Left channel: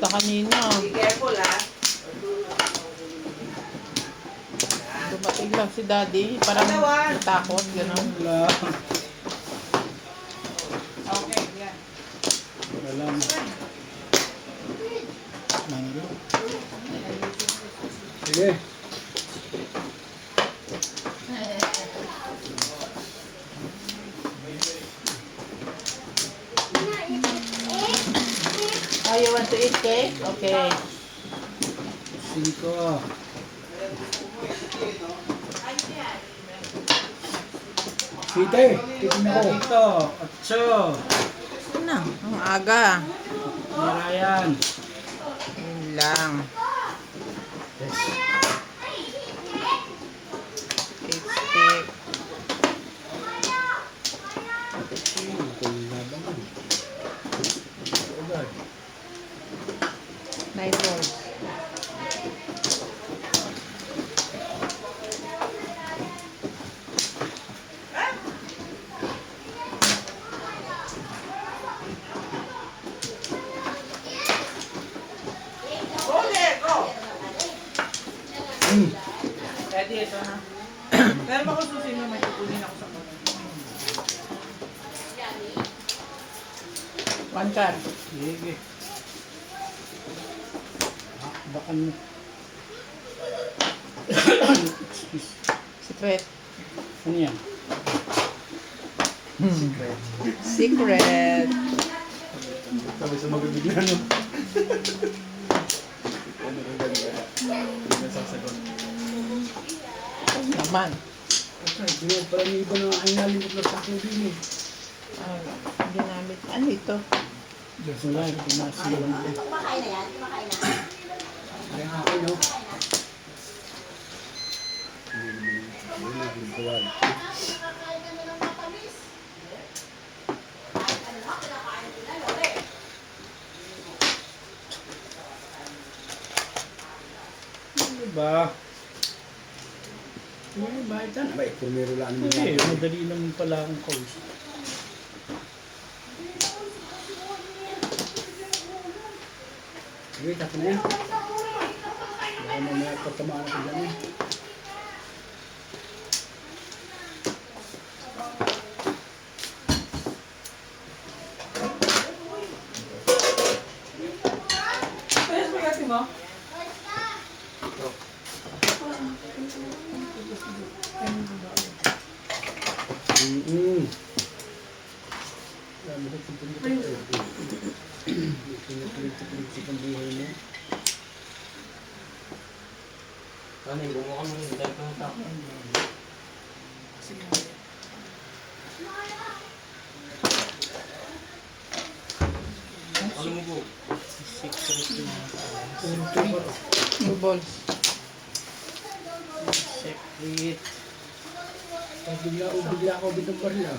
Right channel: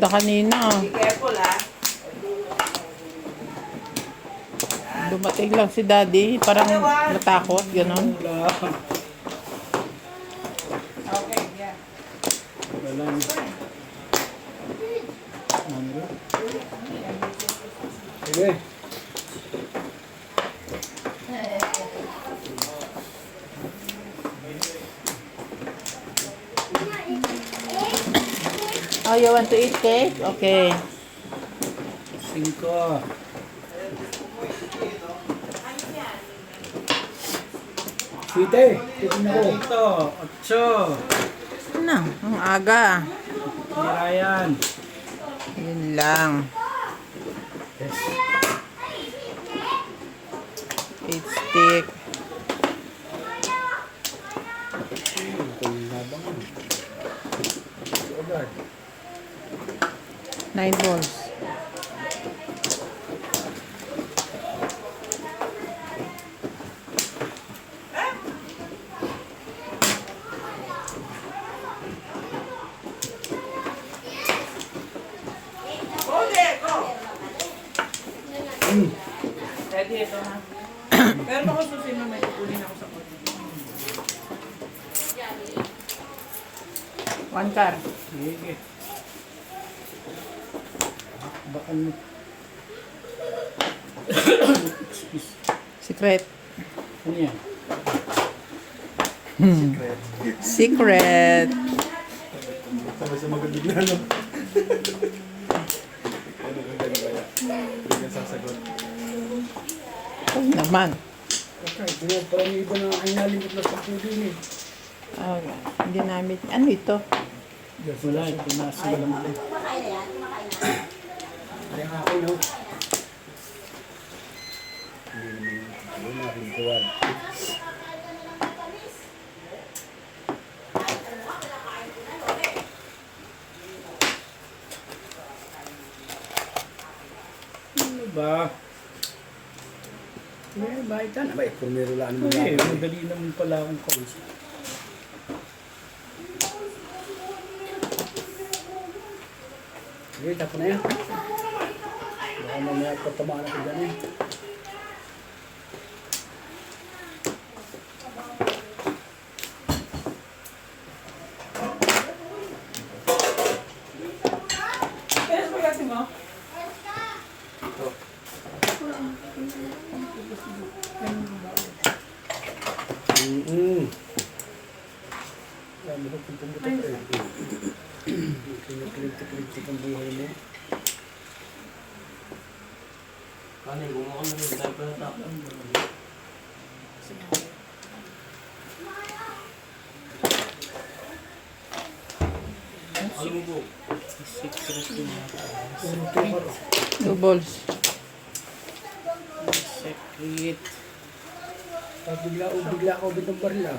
ganda kanina. Be careful, ah. Dumating lang si Daddy. Parang natakot. Gano'n. Wala. Okay, yan. Wala na. Ano? Sige. Oh, you want to eat cake? Okay. 5. Site, tignan ko. Ito, 8. Ano? Ang aga. Marayan. Yun lang. Cake stick. Ito yung labang ko. Ito agad. 9 balls. Hold it, go. Ready, ito ha. Pero baka susin mo, may kukunin ako sa kunin. 1 card. Sige. Bakan mo. Secret. Ano yan? Secret. Sabi sa magabigla, no? Ay, naman. Okay, binag pala ni iba ng ay nalimot na sa akin din eh. Ah, hindi namin. Ano ito? Diyos na lang, pinasa mo lang din. Kumakain na yan? Kumakain na. Ay, ang akin, no? Hindi natin kuwan. Ano ba? May bahitan. Abay, pumiro lang naman Ay, lang. madali naman pala akong kausap. Sige, tapo na yan. Baka mamaya patamaan ako dyan eh. Kaya spaghetti mo? Dami ko pupunta pa eh. Kinukulit-kulit ang buhay mo. Ano, gumawa kami rin tayo pa ng tap. Alam mo po, secret yung mga 2 balls. Secret. Pag bigla ako bitang baril ah.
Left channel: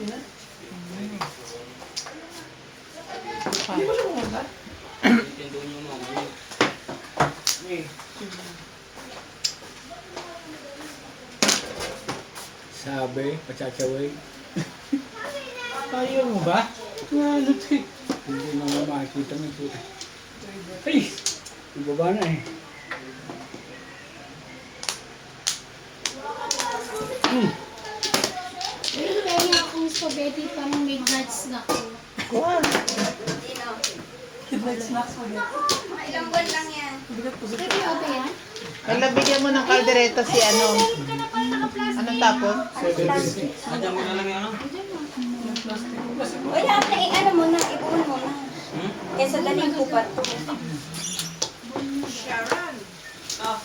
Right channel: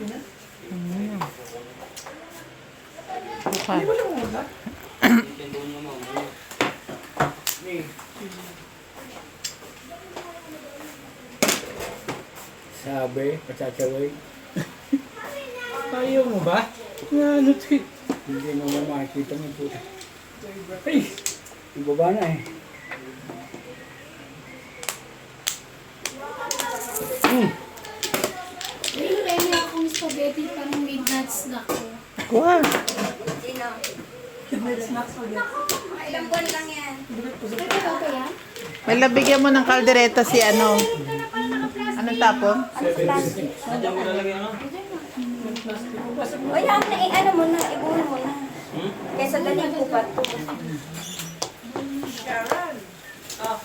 Okay. weekend doon mo mga Sabi, patsachaway. Ayaw mo ba? Ano ito? Hindi naman makikita mo yung puta. Ay! Yung baba na eh. Meron akong spaghetti parang may nuts na ako. Wow. Ilang buwan lang yan. Ito ba yan? May labigyan mo ng kaldereta si ano. Anong tapon? Diyan mo lalagay ano? Wala na, ano mo na, ibuhon mo na. Kesa daling kupat ko. Sharon. Oh,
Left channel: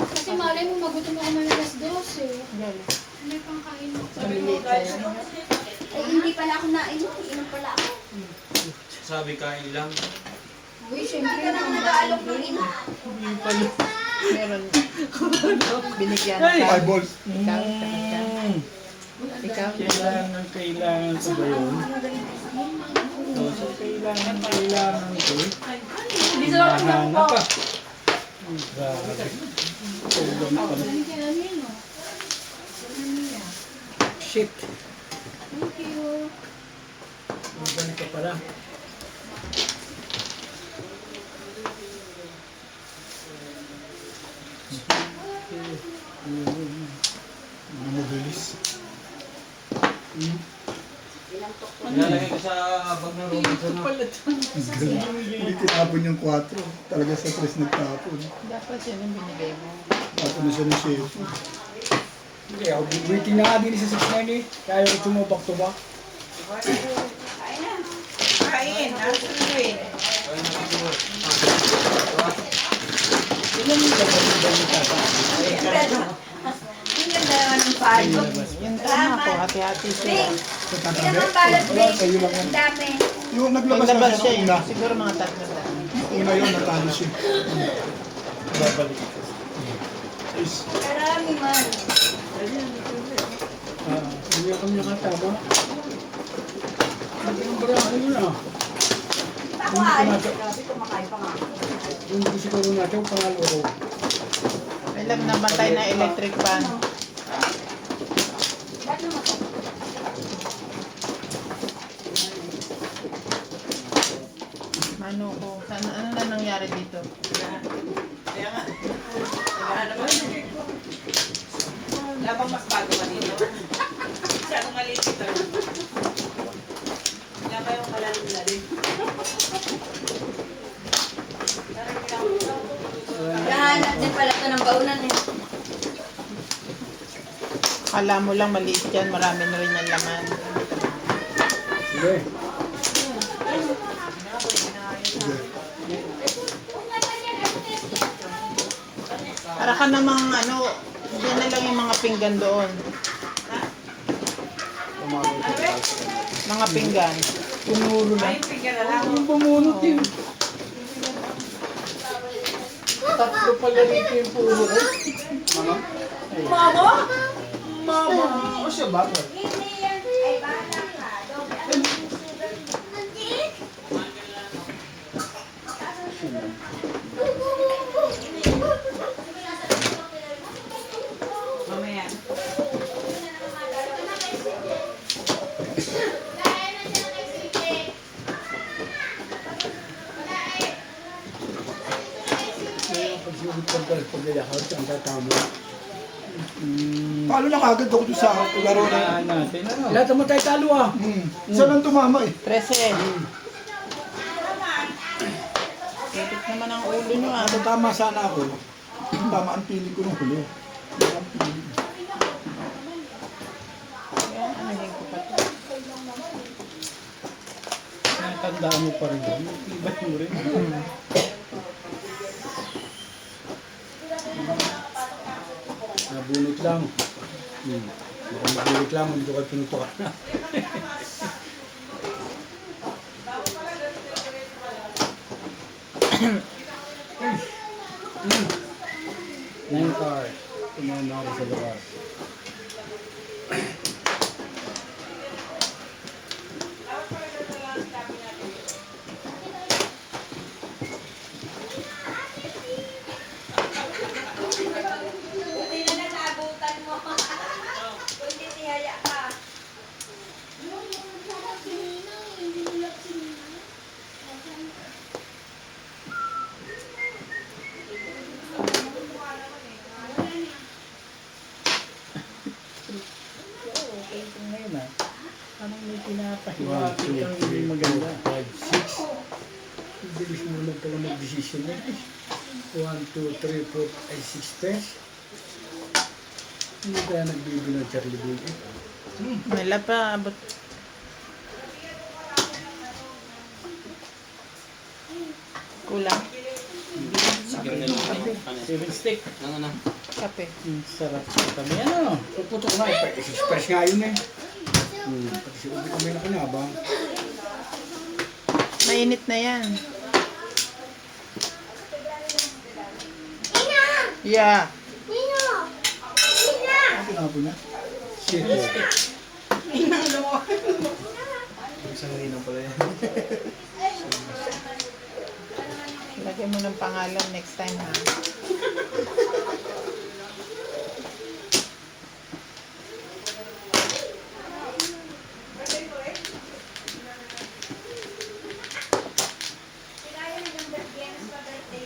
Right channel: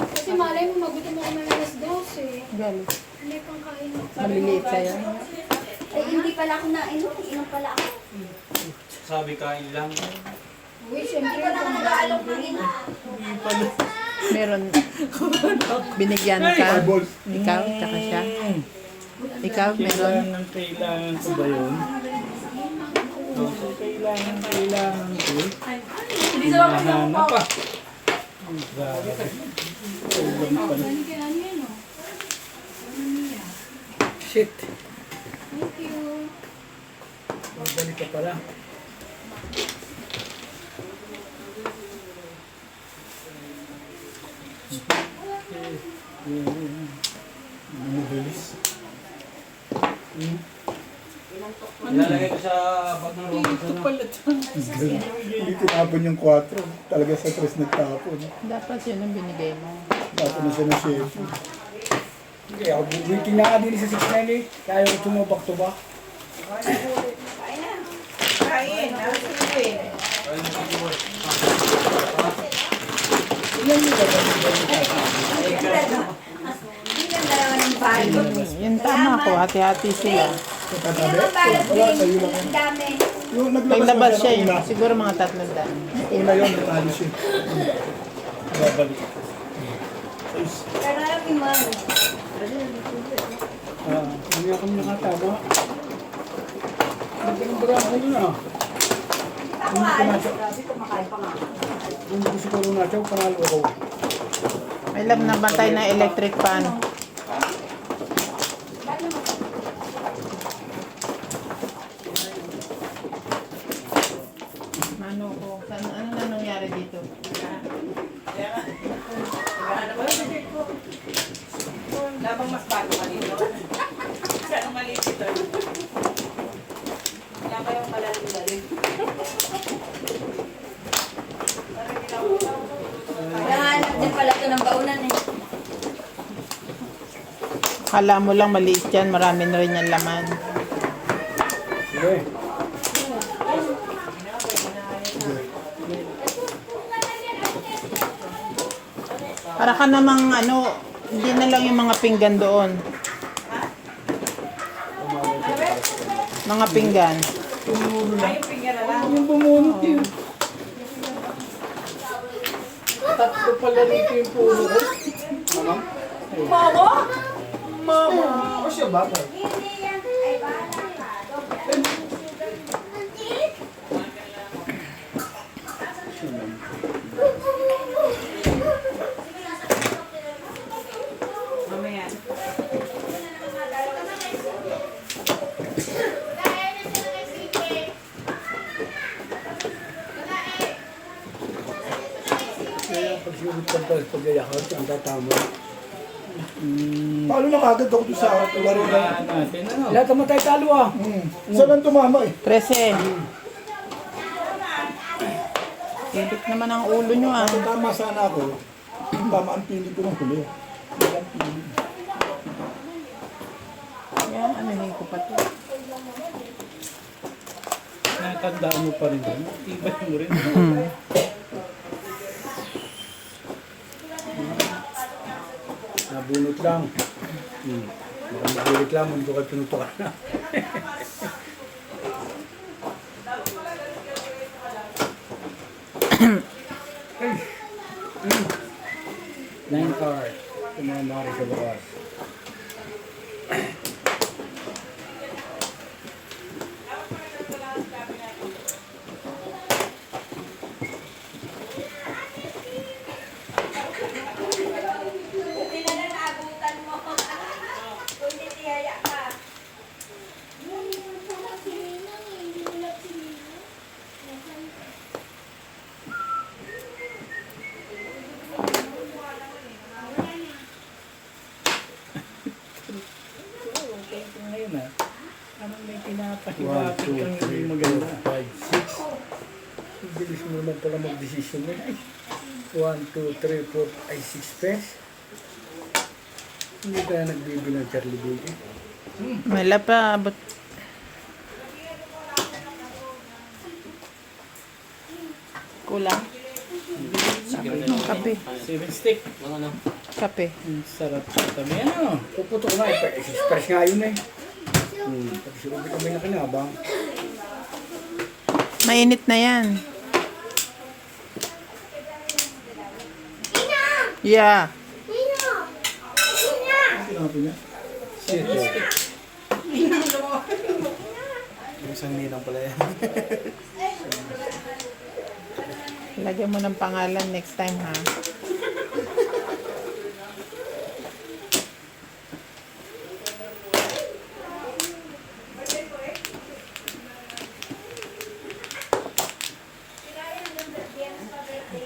Kasi malay mo, magutom ako na alas 12. Gali. Hindi pang kain mo. Maliliit sa'yo. Eh, hindi pala ako nainom. Inom pala ako. Sabi kain lang. Uy, syempre, kung nag-aalok ng ina. Meron. Binigyan ka. Ikaw, tsaka siya. Ikaw, meron. Kailangan ko ba yun? Kailangan ko. Hinahanap pa. Grabe. Tuwan pa na. Balik yan namin, no? Shit. Thank you. Balik ka pala. Mabilis. Ilalagay ko sa bag ng Robinson. Hindi tinapon yung 4. Talaga sa 3 nagtapon. Dapat yun ang binigay mo. Tapon na siya ng chef. Hindi, ako waiting na nga din sa 6-9 eh. Kaya ako sumubak to ba? Kain, susuin. Ilan yung gagawin ka? Ang ganda naman ng bago. Yun tama ko, hati-hati sila. Sa Yan katabi? ang balat Wala, din. sa'yo lang yan. Ang dami. Yung naglabas Naglabas na siya yun. una. Siguro mga 3 daan. Una yun, natalo siya. Babalik. Is, Karami man. Hindi ako nakatama. Hindi ng barako yun ah. Hindi ko nachaw. Hindi ko siguro nachaw, panalo ako. May lang nabatay na electric fan. Ano ko? Ano na nangyari dito? Labang mas bago pa dito. Masyadong maliit ito. Wala pa yung malalim-lalim. Naghahanap din pala ito ng baunan eh. Kala mo lang maliit yan, marami na rin yung laman. Sige. Para ka namang ano, hindi na lang yung mga pinggan doon. Mga pinggan. Tumulo na. Yung finger na lang. Yung bumunot yun. Tatlo pala rito yung pulo ko. Mama? Mama! O siya ba? Hindi yan. Ay, bata ka. Mamaya. Kaya pag sinubit ko pag-ayakot, ang tatama. talo na kagad ako doon sa laro na yun. Natin ano? Lahat naman tayo talo ah. Isa lang tumama eh. 13. Higit naman ang ulo nyo ah. Kung tama sana ako, tama ang pili ko nung huli. Wala ang pili. Yan, anuhin ko pa to. Nakatandaan mo pa rin. Tibay mo rin. Nabunot lang. Baka mabulit lang, hindi ko kayo pinutukan na. Nine card. Tumamari sa bawas. Buti na naabutan mo. Kundi tiyaya ka. Ngayon ah. Parang may pinakahiwa. 1, 2, 3, 4, 5, 6. Ang bilis mo naman pala mag-decision na. 1, 2, 3, 4, ay 6 pairs. Hindi kaya nagbibilang Charlie Boy eh. Wala pa, abot. Kulang. Sigam na lang. Kape. 7 stick. Ano? Kape. Ang sarap sa kami. Ano? Puputok na eh. 6 pairs nga yun eh. Pati si Ruby kami nakinabang. Mainit na yan. Yeah. Tinapon niya. Shit eh. Isang nina pala yan. Lagyan mo ng pangalan next time ha.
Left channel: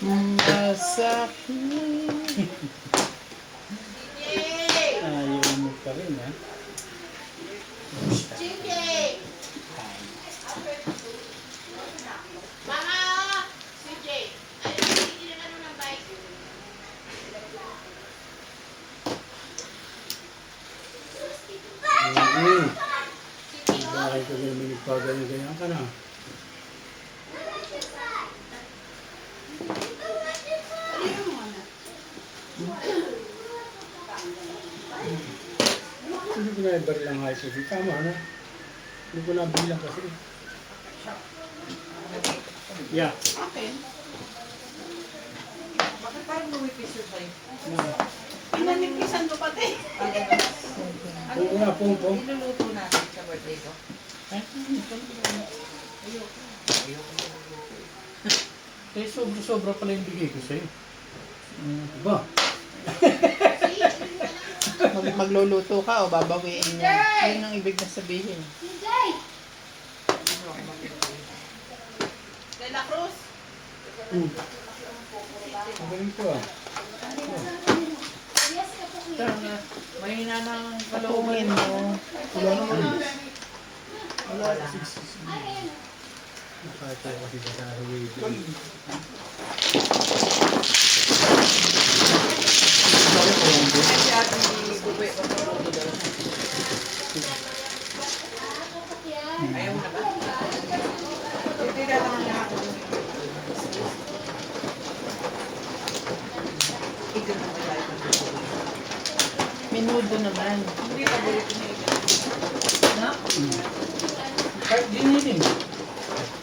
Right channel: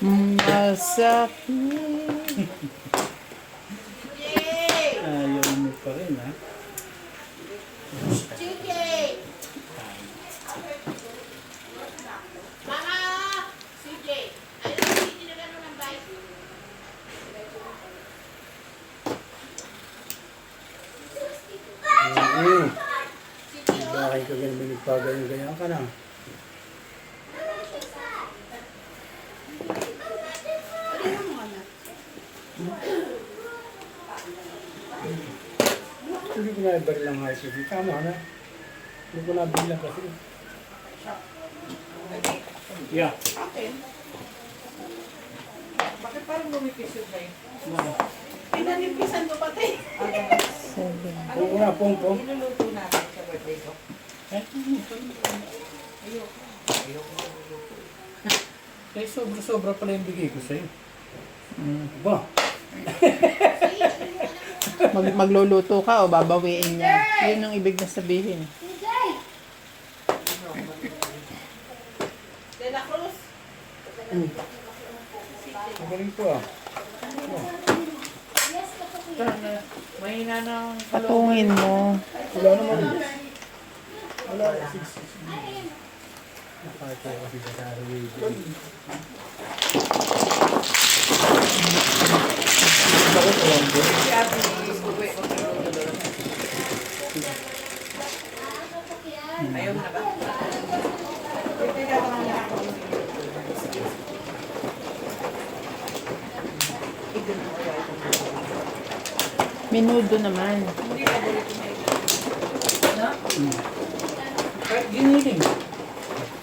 Masakit. Ayaw mo pa rin, ha? Bakit ka ganun nagpagayon-gayan ka na? Hindi ko na ibaril ang high kasi. Tama na. Hindi ko na bilang kasi. Yeah. Okay. Bakit parang lumipis yun ba yun? No. Pinanipisan to pati. Oo nga, pong. Iluluto natin sa birthday ko. Eh, sobra-sobra pala yung bigay ko sa'yo. Ba? Magluluto ka o babawiin mo. Yun ang ibig na sabihin. De La Cruz. Magaling ko ah. Tama. Mahina na ang Patungin mo. Wala naman. Wala. Nakakatawa kasi sa Saraway. Si ate ni Uwe, magluluto daw siya. Ayaw na ba? Hindi ka naman na ako din. Minudo naman. Hindi ka bulit na ito. No? Kahit giniling.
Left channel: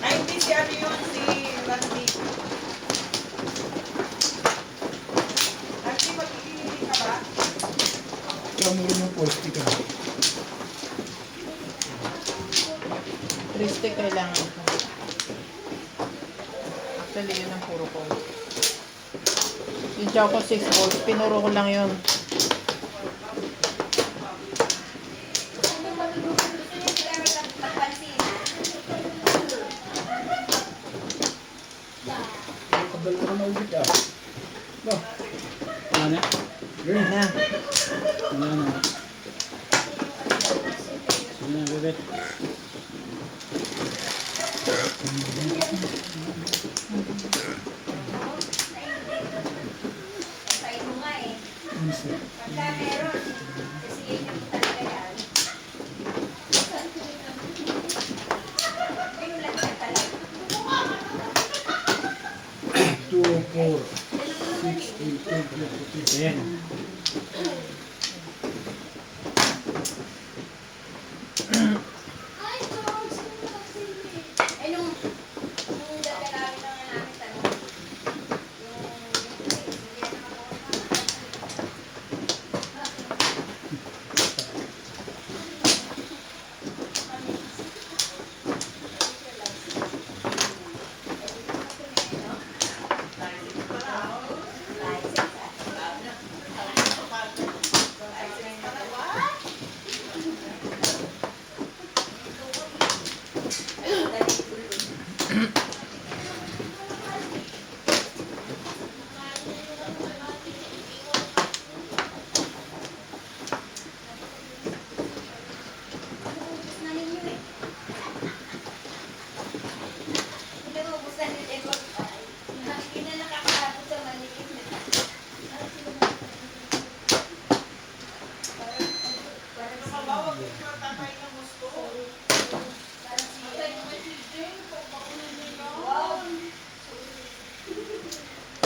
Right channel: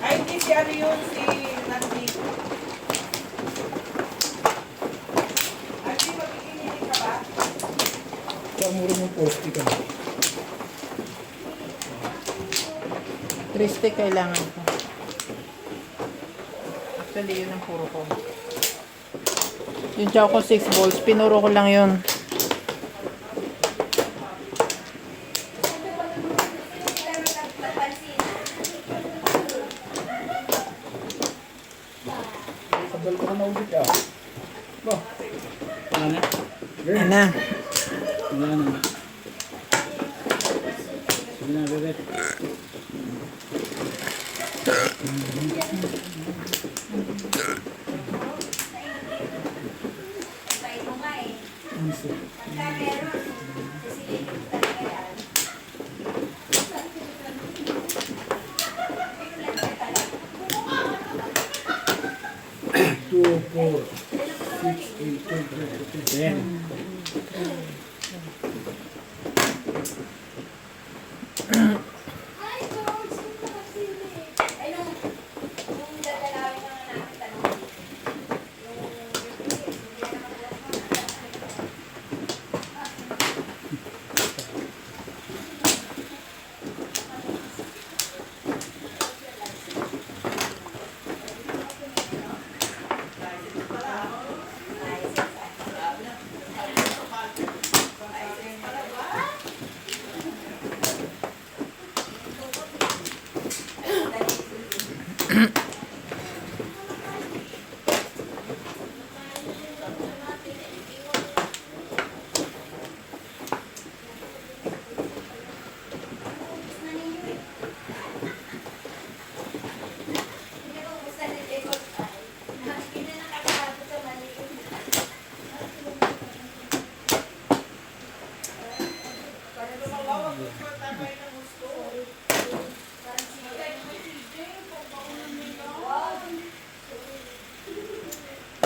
Ay, hindi si Abi yun, si Randy. Ay, si magkikinilig ka ba? Kaya mo rin yung posti ka. Triste kailangan ko. Actually, yun ang puro ko. Yung Choco 6 balls, pinuro ko lang yun. Sabal ko na ulit ah. Ba? Ano? Yan na. Ano na? Ano na, bebet? Two, four, 6, 8, 10.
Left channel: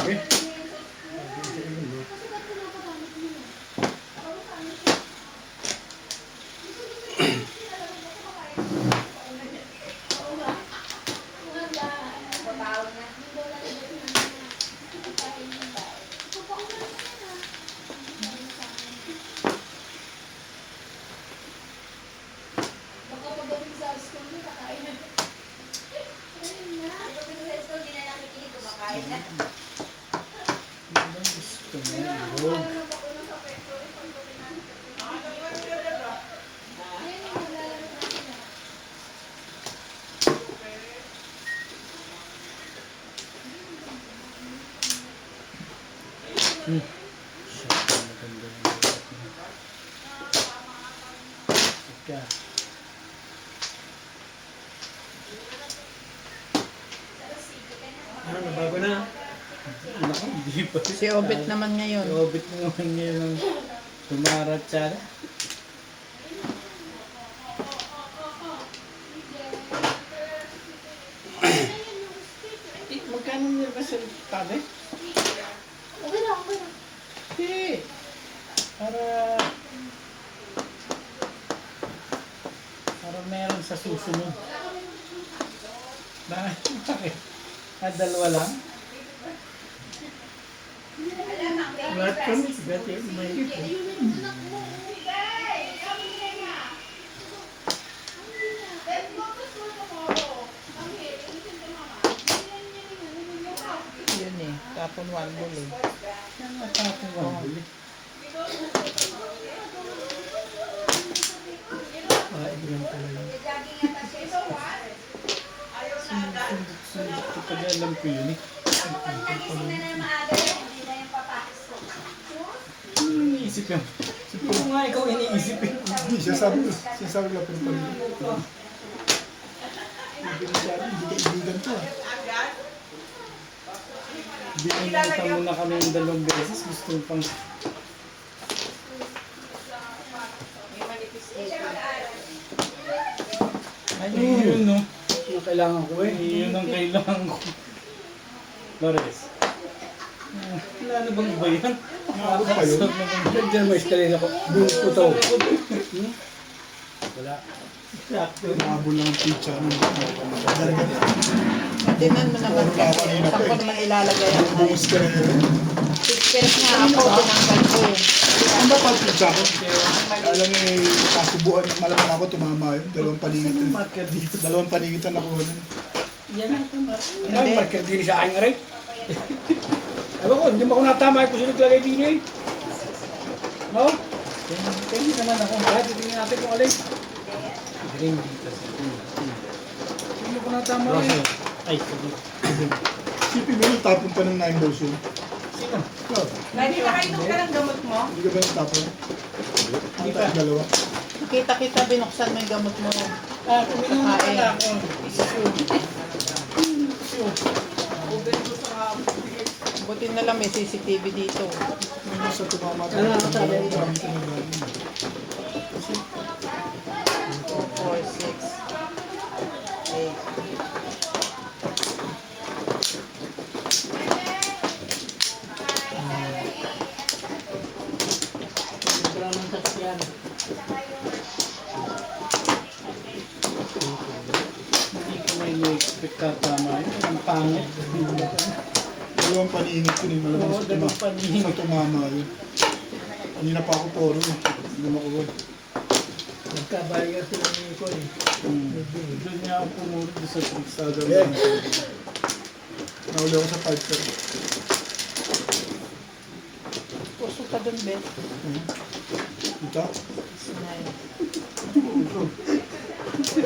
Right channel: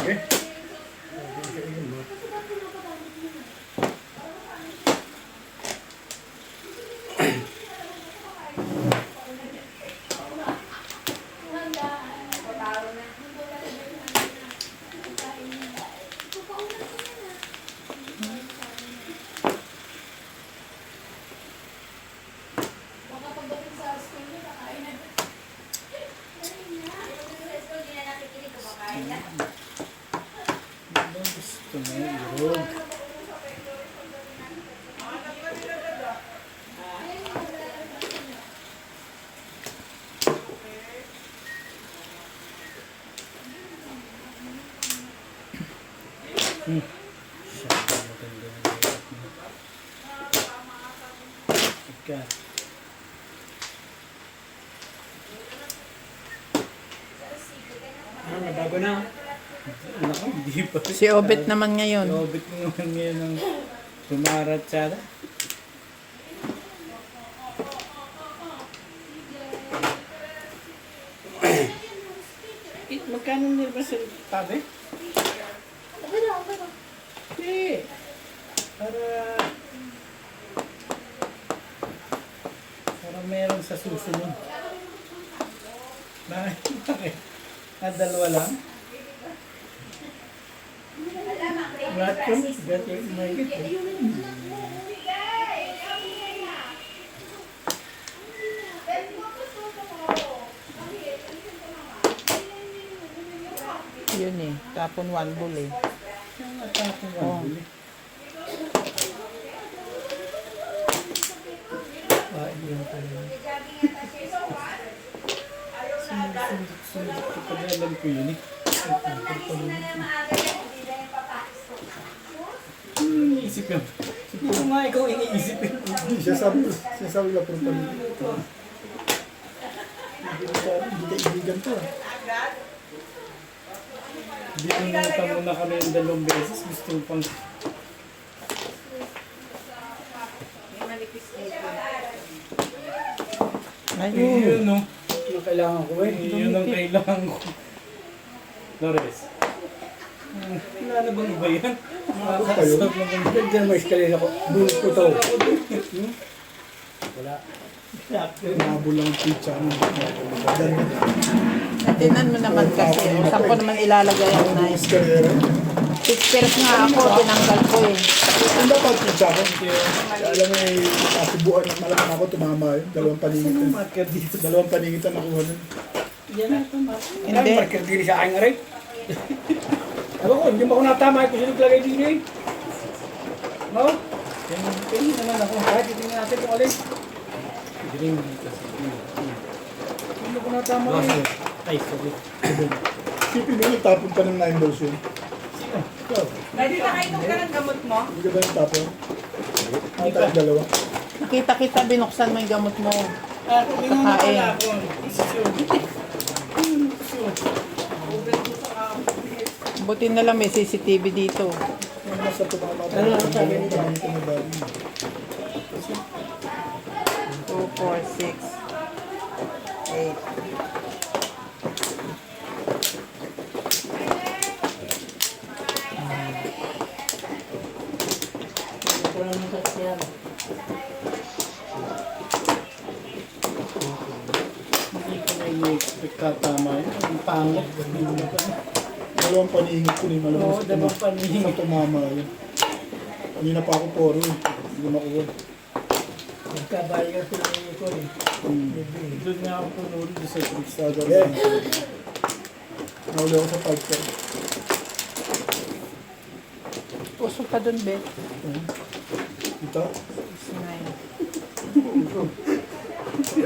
Okay? Ika. Nabago na. Naku, hindi pa. Si Obet naman ngayon. Obit mo naman ngayon ng tumarat siya. Magkano nila sa tabi? Okay na, okay na. Hindi. Para meron sa susunod. Bakit? Bakit? Dalawa lang? Lahat kami, gati may Yun eh. Tapon one bull eh. tapos ang buli. Yun pala yun. Sundot. Kapag alam ko yun eh. Iniisip yan. Siguro nga ikaw iniisip yun. Hindi, sinasabi lang pero pag hindi kaibigan to. Binunta mo na kami ng 2 beses. Gusto mo pang... Ay, yun no. Yung kailangan ko eh. Yun ang kailangan ko. Flores. Wala na bang iba yan? Ano pa yun? Nandiyan may eskalera ko. Bunot ko to. Wala. Nabol lang ang pizza. Tinan mo naman kasi. Saan ko naman ilalagay yung Bukas ka na yun. 6 pesos nga ako. Tinanggal ko eh. Ano ba tawag pizza ko? Alam mo eh, kasubuan ng malamang ako tumama yun. 2 paningitan. Marker dito. 2 paningitan nakuha nun. Yan ang Hindi. Hindi. Marker din sa aking aray. Ewan ko, hindi mo ako natama kung sino naglagay din eh. No? Pwede naman ako. Kahit tingnan natin kung alin. Ring dito. Sino ko natama eh? Ay, sabi. Sipin mo yung tapon pa ng 9 balls yun. Sino? Ikaw, Dahil nakainom ka ng gamot mo, hindi ka ba yung tapon? Ano tayo 2? Kita-kita binuksan mo yung gamot mo. Ah, kumingon na pala ako. Buti na lang may CCTV dito. Ano nasa tumama pa? Ano ang sabi mo? 2, 4, 6, 8. Hindi ko may expect ka tama yun. Ang pangit. 2 paningat ko rin. Oo, 2 Sa paningat. tumama yun. Kanina pa ako poro eh. Hindi mo makuha. Nagkabayan ko ng ko eh. Doon nga ako pumunod sa Sada lang. Nahuli ako sa 5 ka. Puso ka dun, be. Ito?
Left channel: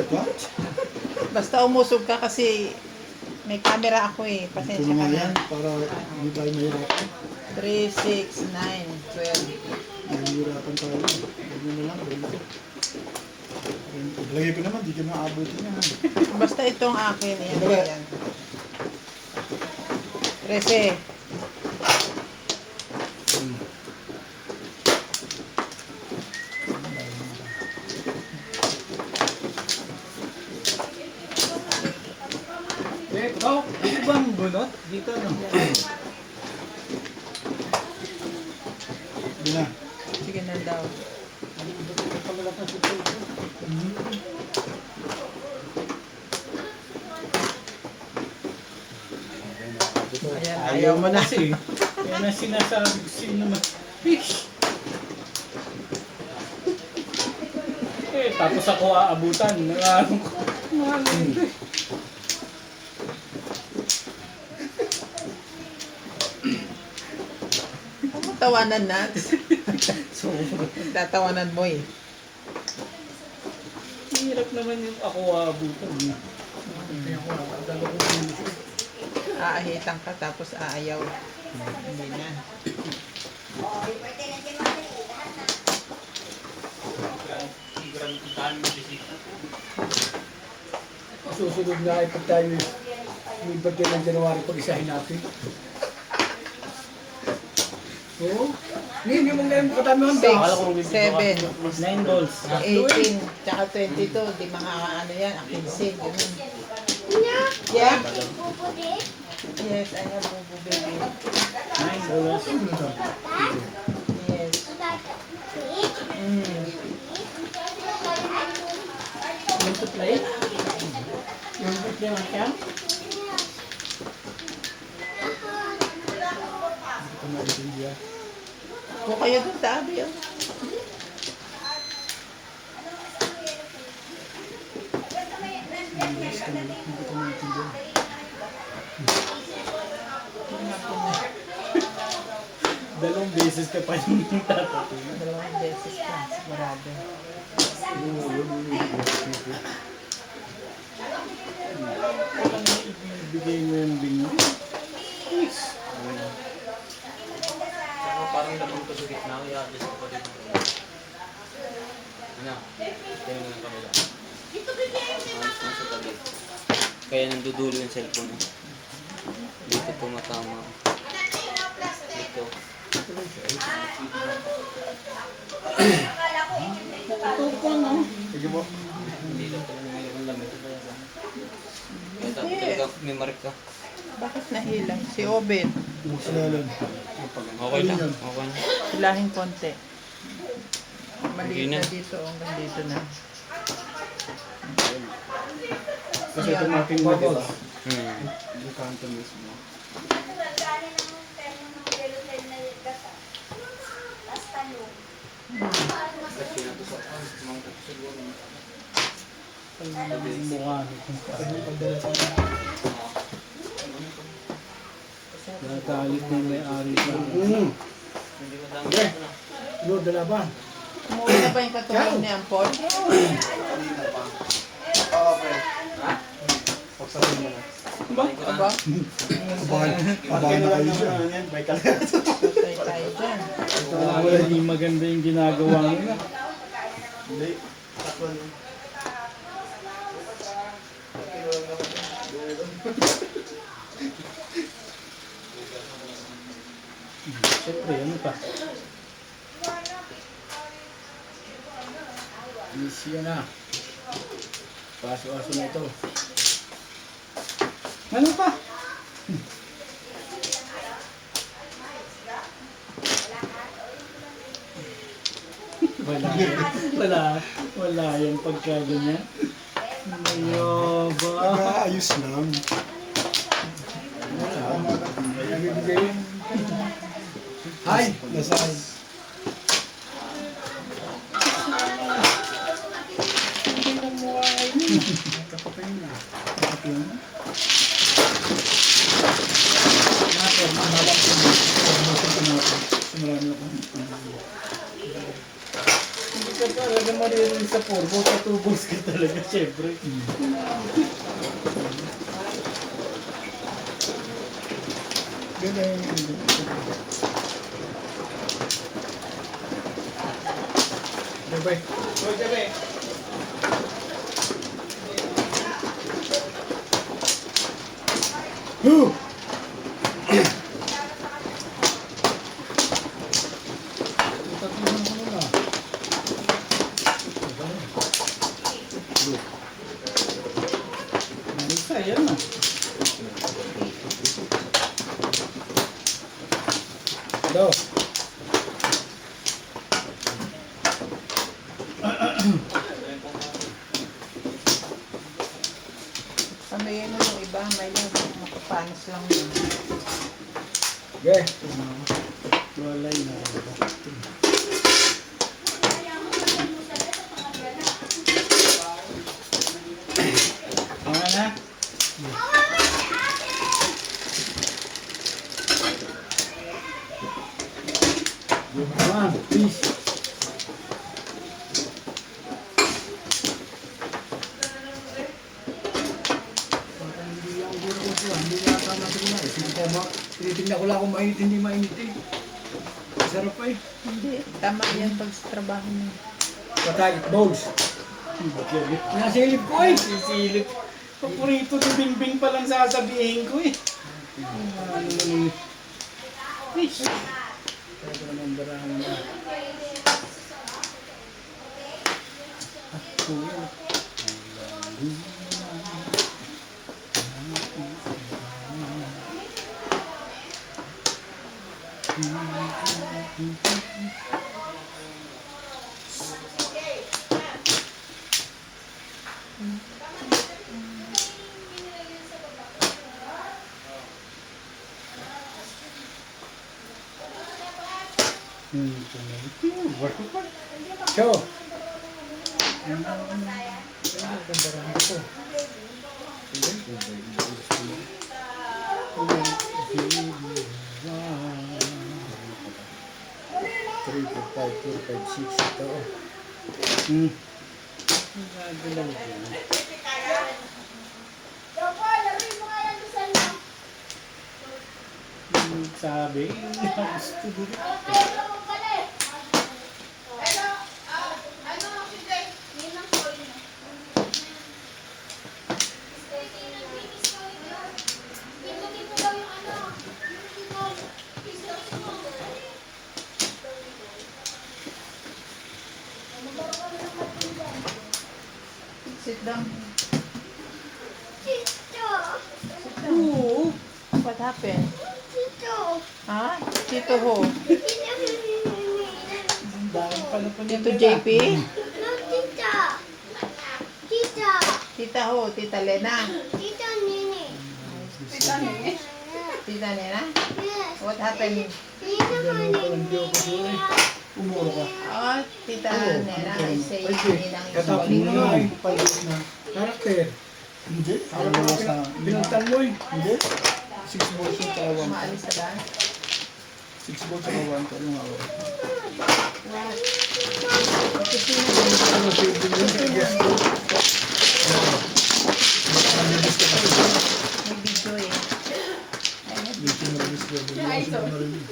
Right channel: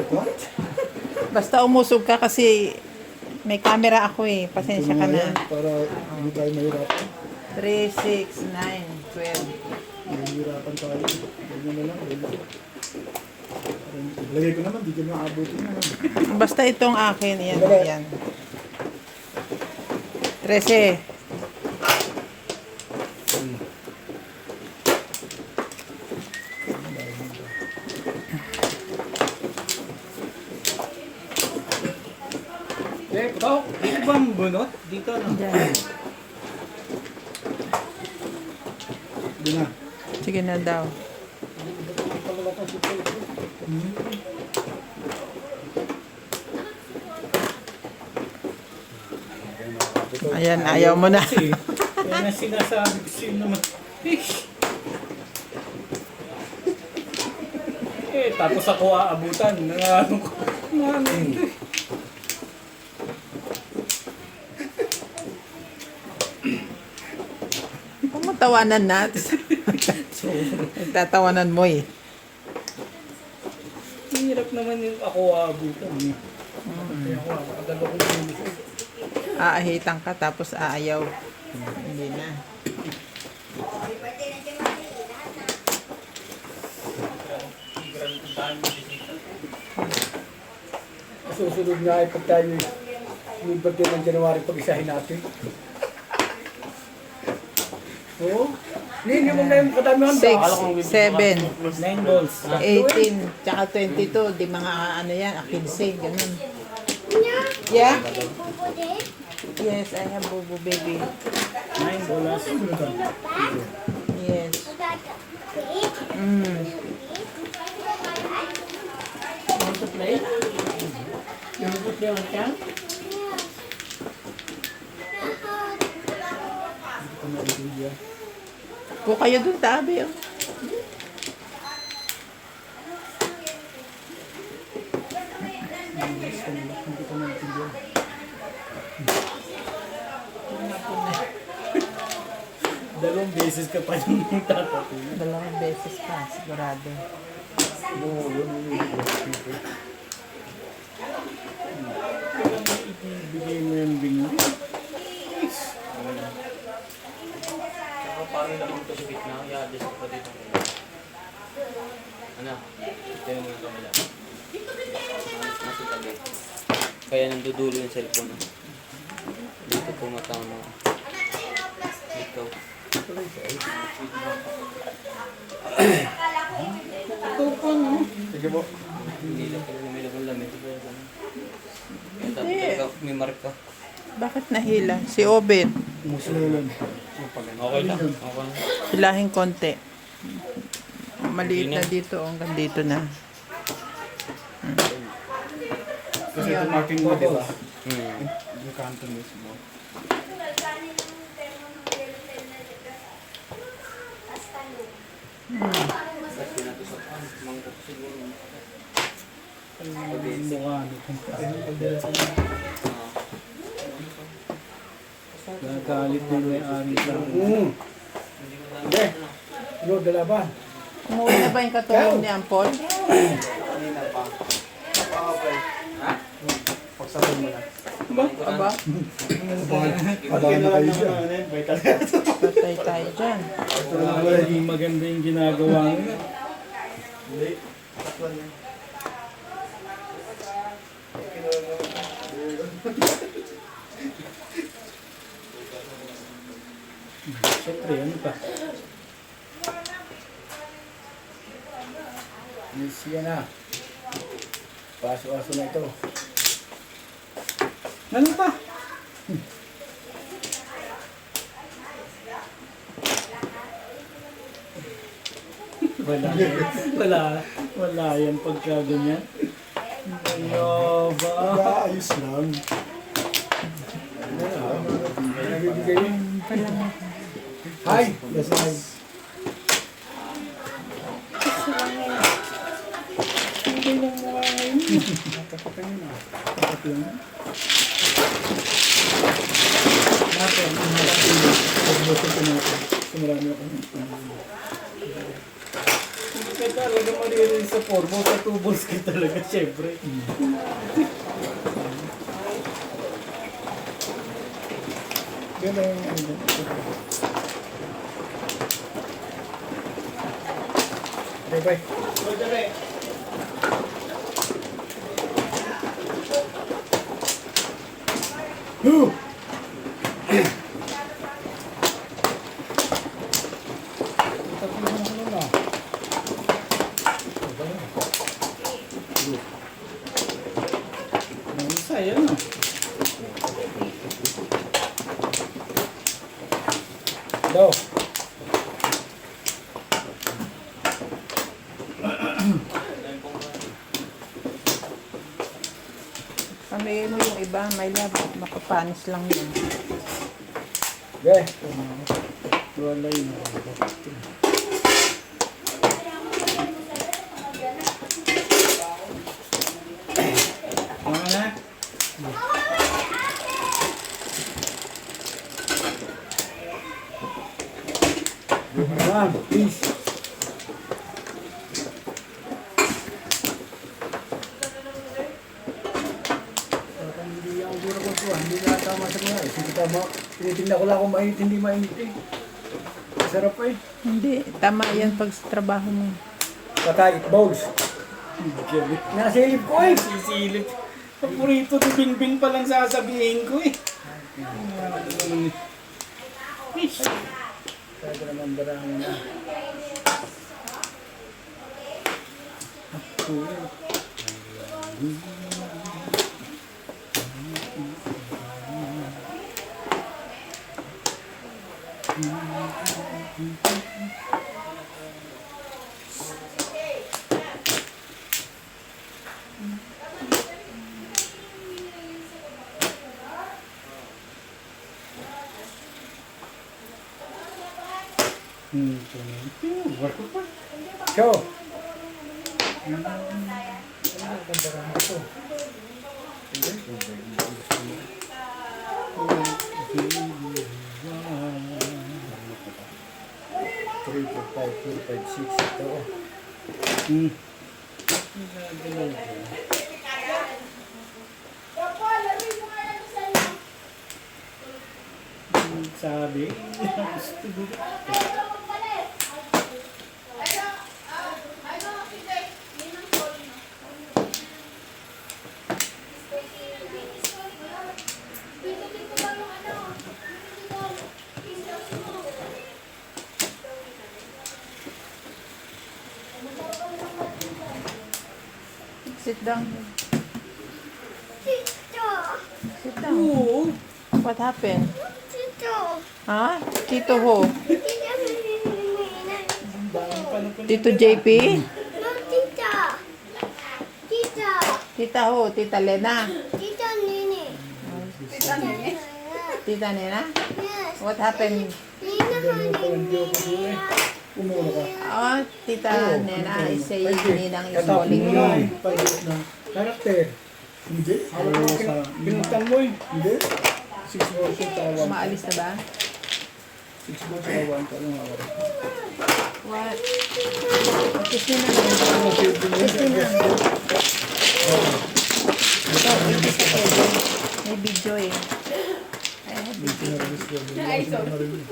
What? Basta umusog ka kasi may camera ako eh. Ito Pasensya nga ka yan. na. Para hindi tayo mahirapan. 3, 6, 9, 12. Mahirapan tayo. Ganyan na lang. Lagay ko naman, di ka maabutin naman. Basta itong akin, yan, yan. 13. Ikaw, ano ba ang bunot? Dito na. Hindi na. Sige na daw. Palalakas ito. Ayan, ayaw mo na. Kasi, yan ang sinasabi ko sa'yo naman. Fish! Eh, tapos ako aabutan. Ano ko? Tawanan natin. Tatawanan mo eh. Hirap naman yung ako aabutan. Kaya ako aadalo ko Aahitan ka tapos aayaw. Hindi na. Susunod na ay pag tayo yung birthday ng January, pag-isahin natin. Oo. Hindi mo ngayon katamihan ba? 6, 7, 9 balls. 18, tsaka 22. Di mga ano yan, 15, ganun. Yeah? Yes, I have Bobo baby. 9 balls. Yes. Mm. Want to play? You want to play one time? Kung kayo dun, tabi oh. Dalawang beses ka pa yung tatapin. Dalawang beses pa, sigurado. Bigay mo yung bingo. Saka parang lamang ko sa gitna. I-adjust ko pa dito. Ano? Kaya mo yung kamila. Ayos mo sa tabi. Kaya nandudulo yung cellphone. Dito tumatama. Dito. Sige mo. Hindi lang ko yung lamit. May marka. Bakit nahilang? Si Obed. Musulolin. Okay lang. Okay lang. Hilahing konti. Maliit Hindi na. na dito, hanggang dito na. Kasi ito natin mo, di ba? Yung kanto mismo. Kasi natusokan. Mangkok siguro. Mukha. Ayun, pagdalas mo. Nakalit na yung may-ari ka. Hindi ko lang. Okay. Lord, dalaban. Umuwi na ba yung katulong ni Ampon? Pagsabi mo na. Aba, Abahan na kayo siya. patay tayo dyan. Hindi maganda yung ginagawa mo. Hindi. Takwan niya. Siyempre, ano pa? Misya na. Paso-aso na ito. Ano pa? Wala yung pagkaganyan. Ayaba. Nag-aayos lang. Wala. Nabibigay yun. Hi! Nasaan? Kapatay na. Kapatay na. Hindi ka talaga maririnig sa formo. Sa 2 balls ka talaga, syempre. Ganda yung ano. Bye-bye. Whew! Tatulungan ko na. Saya na. Daw. Pamigay mo yung iba, may love. Makapanis lang yun. Okay. Wala yun. Ano na? Come on, please. Hindi ang gura ko ito. Hindi na tama sa mga. Sige tama. Tinitingnan ko lang kung mainit, hindi mainit eh. Sarap eh. Hindi, tama yan pag sa trabaho mo. Patay, it bowls. Nasilip ko eh. Sisilip. Paborito ko bingbing pa lang sasabihin ko eh. Fish. Kaya naman barang na. Show. Three, four, five, six. Ito. Sabi. Sit down. Oo. What happened? Ha? Tito Ho? Tito JP? Tita Ho? Tita Lena? Tita Nena? What happened? Umuro ko. Oh, Tita Nena is saying Ninang is Katapos calling mo you. nga eh. Pagod na. Karakter. Hindi. Hawak mo pinuntan mo eh. Hindi. 6 volts yung tsaka 1. Maalis na ba? 6 volts tsaka 1. Ano nga ako? What? Kasi na din. Ano, save din yun. I guess ko. May video eh. Hindi sinarabis ko. Hindi ako sila marinig.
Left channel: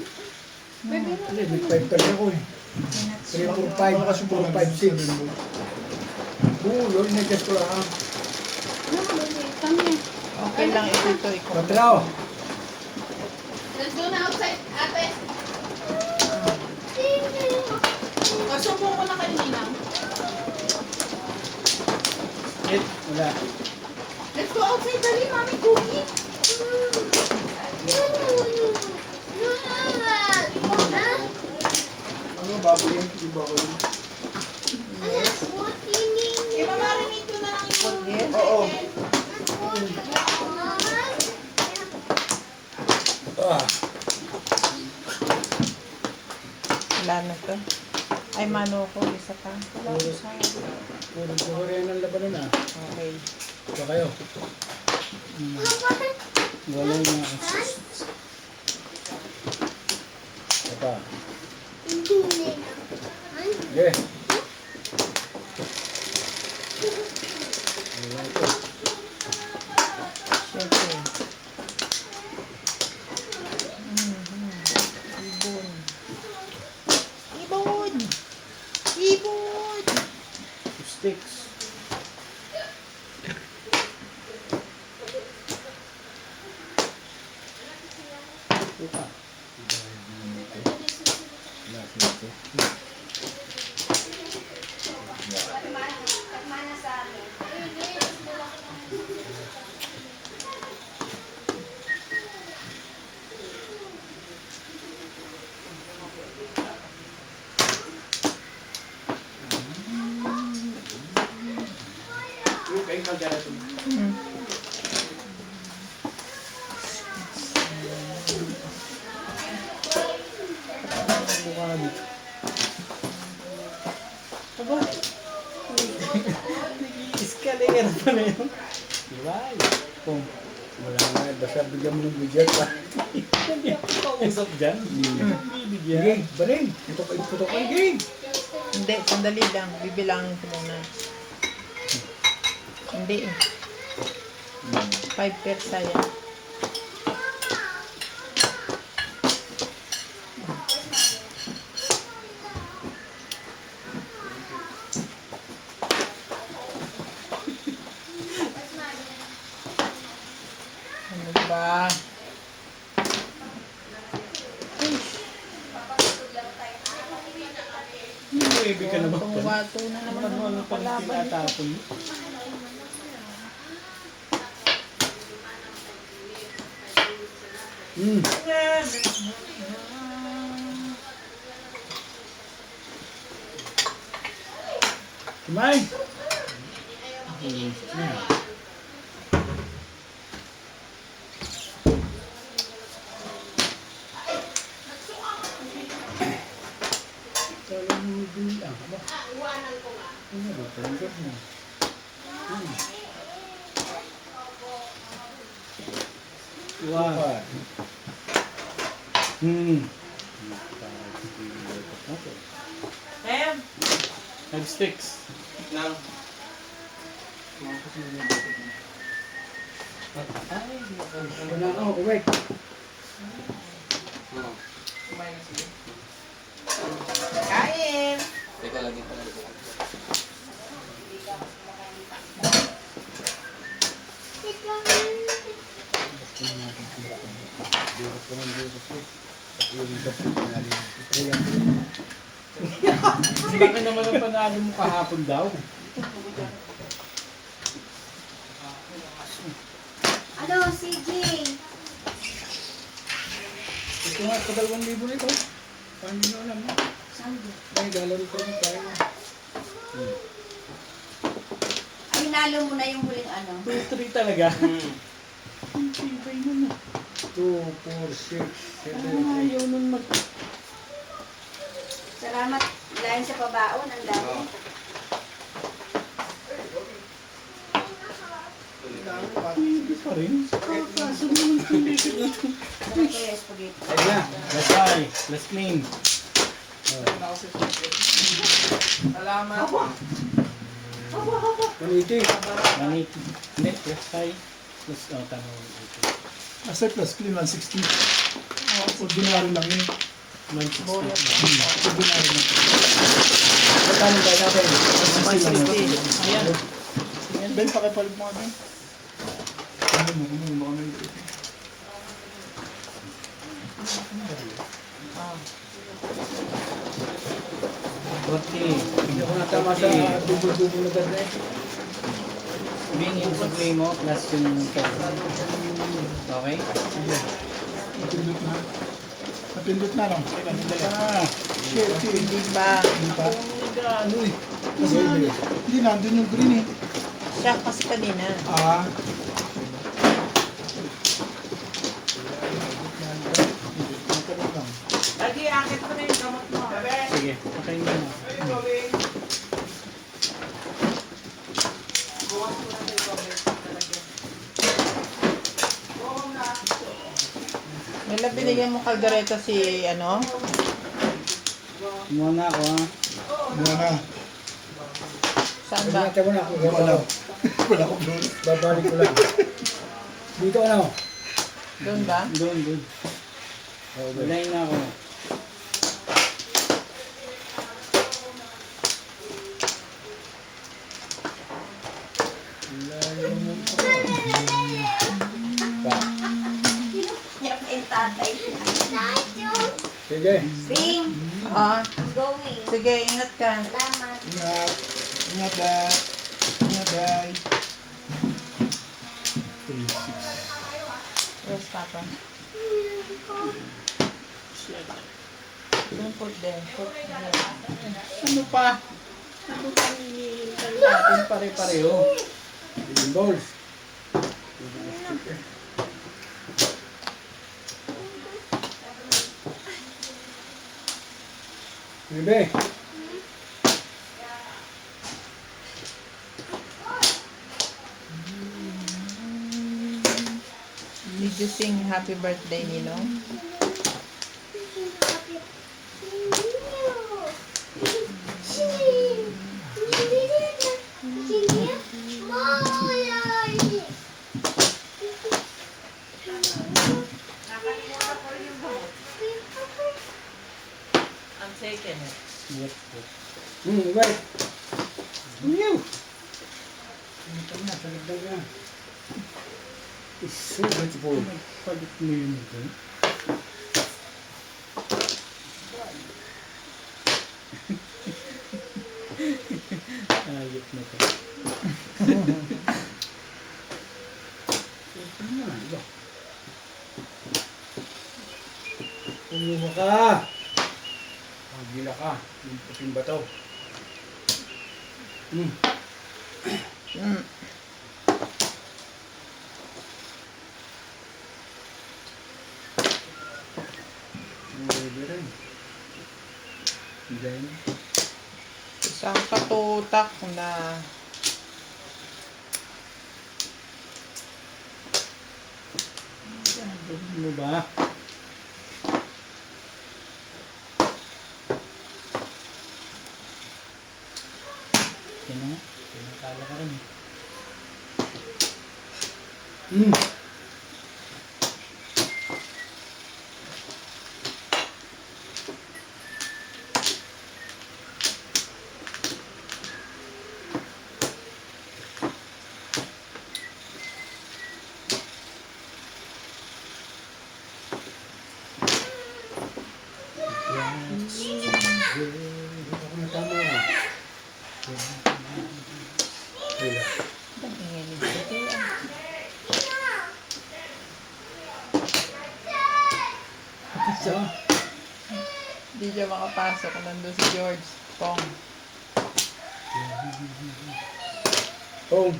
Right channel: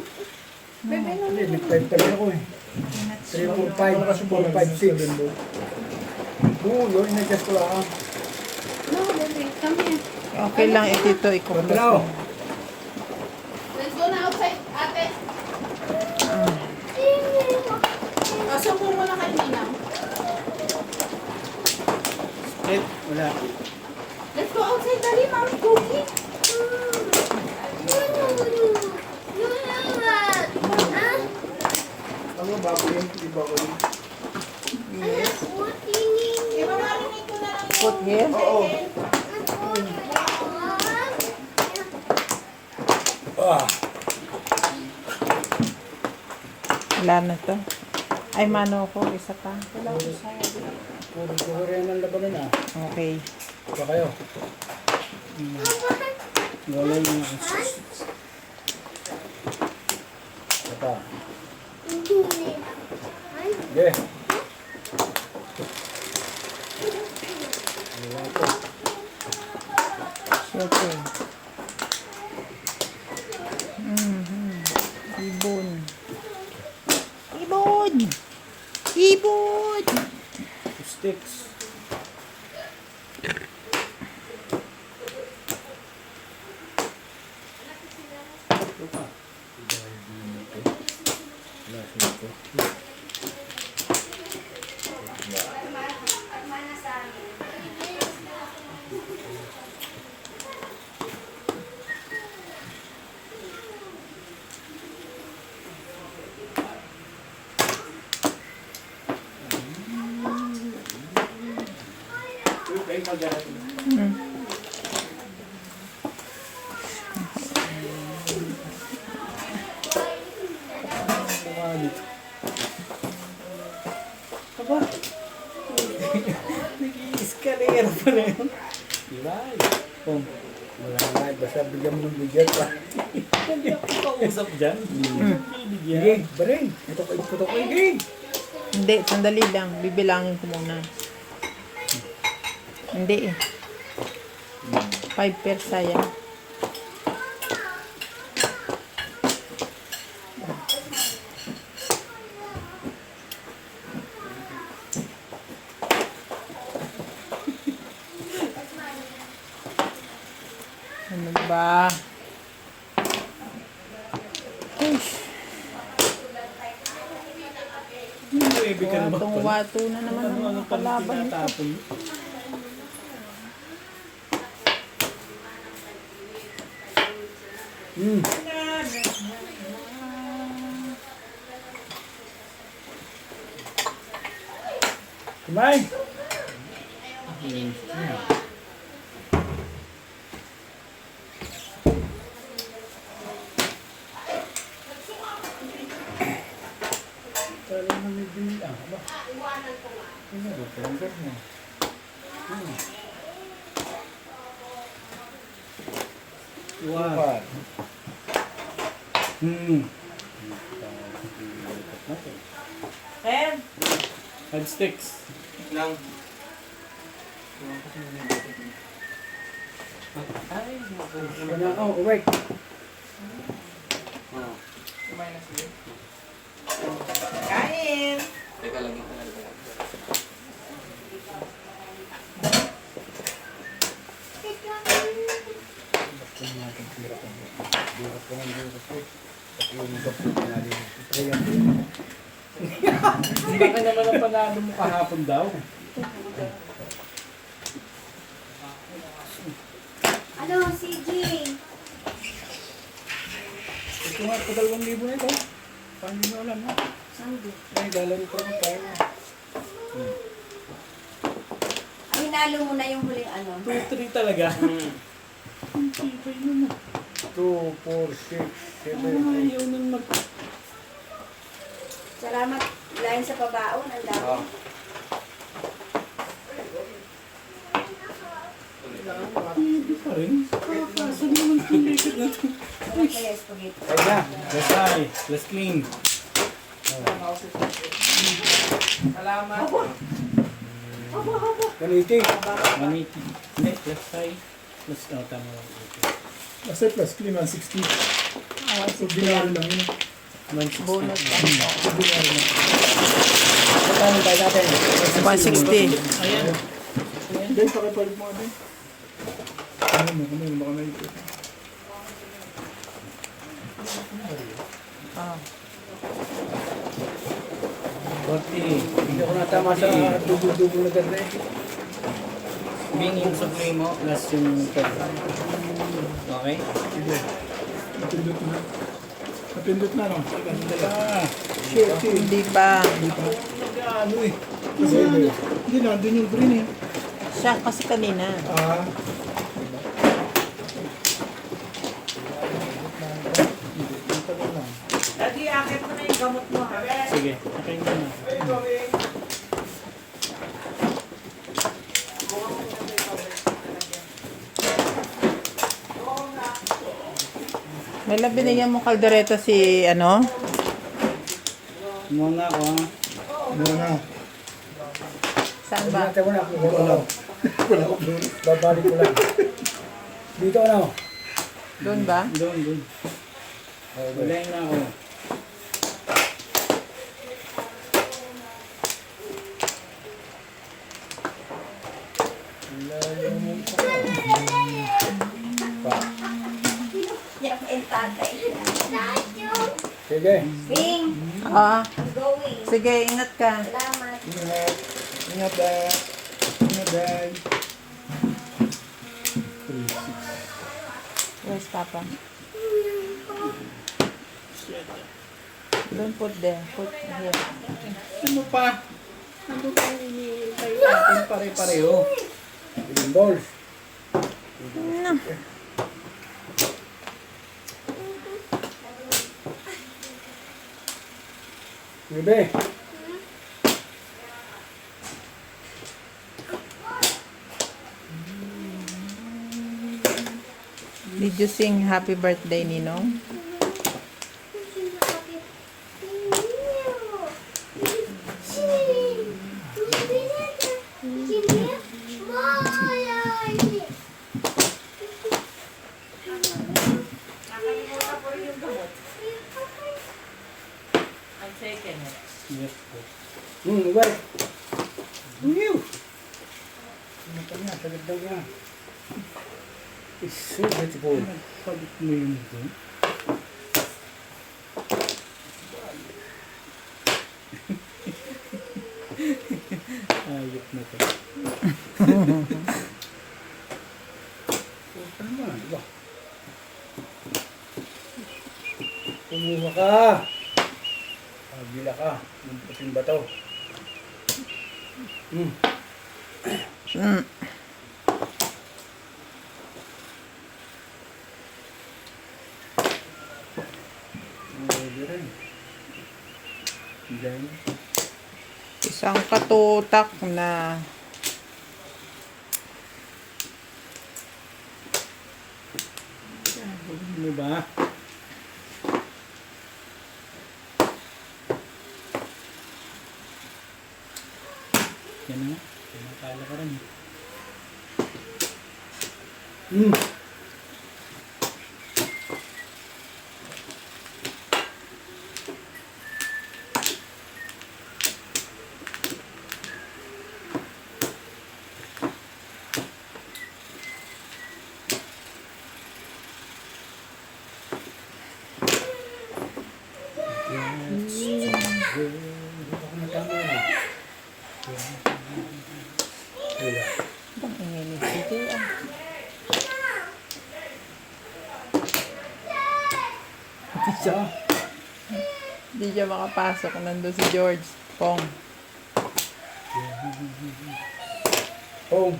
Hindi, nag-5 talaga ako eh. 3, 4, 5, 4, 5, 6. Oo, yun, in-adjust ko lang ah. Okay lang ito ikaw. Patraw. Let's go na outside, ate. Sumbong mo na kay Ninang. Wala. Let's go outside, dali, mami, cookie. Ano, bago yun? Iba ko yun. Yes. Imamarinate ko na lang yung Put here. Oo. Ah. Wala na to. Ay, mano ko. Isa pa. Puro kuhurihan ng labanan ah. Okay. Ba kayo? Wala na. Ito. Okay. Wala ko. Siyempre. Ibon. Ibon! Ibon! Sticks. Aba. Nag-i-escalator pa na yun. Diba? Kung wala nga, basta bigyan mo ng budget pa. Hindi ako kausap dyan. Bibigyan. Gay, baray. Putok ay gay. Hindi, sandali lang. Bibilangin ko muna. Hindi eh. 5 pairs sayang. Ano ba? Hindi ka na ba? Itong wato na naman. Ano pa na tinatapon? Kumain! Kala na medyo aba. Ano ba? Palanggas mo. Wow. Em, 5 sticks. Lang. Oh, wait. Oo. kumain na sige. Kain! Teka lang, teka lang. Baka naman ang panalo mo kahapon daw. Ano, CJ? Ito nga, pa 2,000 na ito. Paano nyo alam, ha? Ay, lalaro ko naman tayo. Aminalo mo na yung huling ano. 2-3 talaga. Hindi kayo mo. 2, 4, 6, 7, Ayaw nun mag... Salamat. Lain sa pabaon. Ang dami. Oo. Hindi pa rin. Kaso naman pilikit na ito. Ano kaya spaghetti? Ay na, let's try. Let's clean. Salamat. 180. 180. Hindi, let's try. Let's tama 180. Kasi plus clean 160. Ordinary lang yun. Bonus. Ordinary lang. Magkano tayo natin? 160. Ayan. Ben, pakipalit mo nga Ben. Ano baka may ito. Okay. Hindi ko natama sa dubo-dubo na ganda eh. Bing yung supply mo, plus yung okay? Napindot na. Napindot na lang. Ah, Shit, Hindi ba? Hindi pa. ano eh. Kasi hindi nandun yung green eh. Siya kasi kanina. Ah. Daddy, akit mo na yung gamot mo. Ha? Sige, okay na na. Wala, binigyan mo kaldereta si ano? Muna ako ha. Ano na. Saan Sabi ba? natin muna kung Wala lang. Wala akong doon. babalik ko lang. Dito ano? Doon ba? Doon. Wala na ako. Yan pa yung tatay. Sige. Bing! Ah, I'm going. sige, ingat ka. Salamat. Ingat. Ingat dad. Ingat dad. Where's Papa? Don't put there. Put here. Ano pa? Ano pa hinihintay natin pare-pareho? Billion balls. Bebe. Did you sing happy birthday, Ninong? I'm taking it. Yes po. Wait. New. Ano ka nga, sagad daw yan. It's so beautiful. Palit mo yun doon. Ayok na to. Ano mo na, diba? Kumuha ka! Pagila ka. Yung puting bato. Pwede rin. Then, Isang katutak na ano ba? Yan na nga. Pinatala ka rin. Ako na tama. Wala. Isa. hindi siya makapasok. Nandun si George Pong. Home.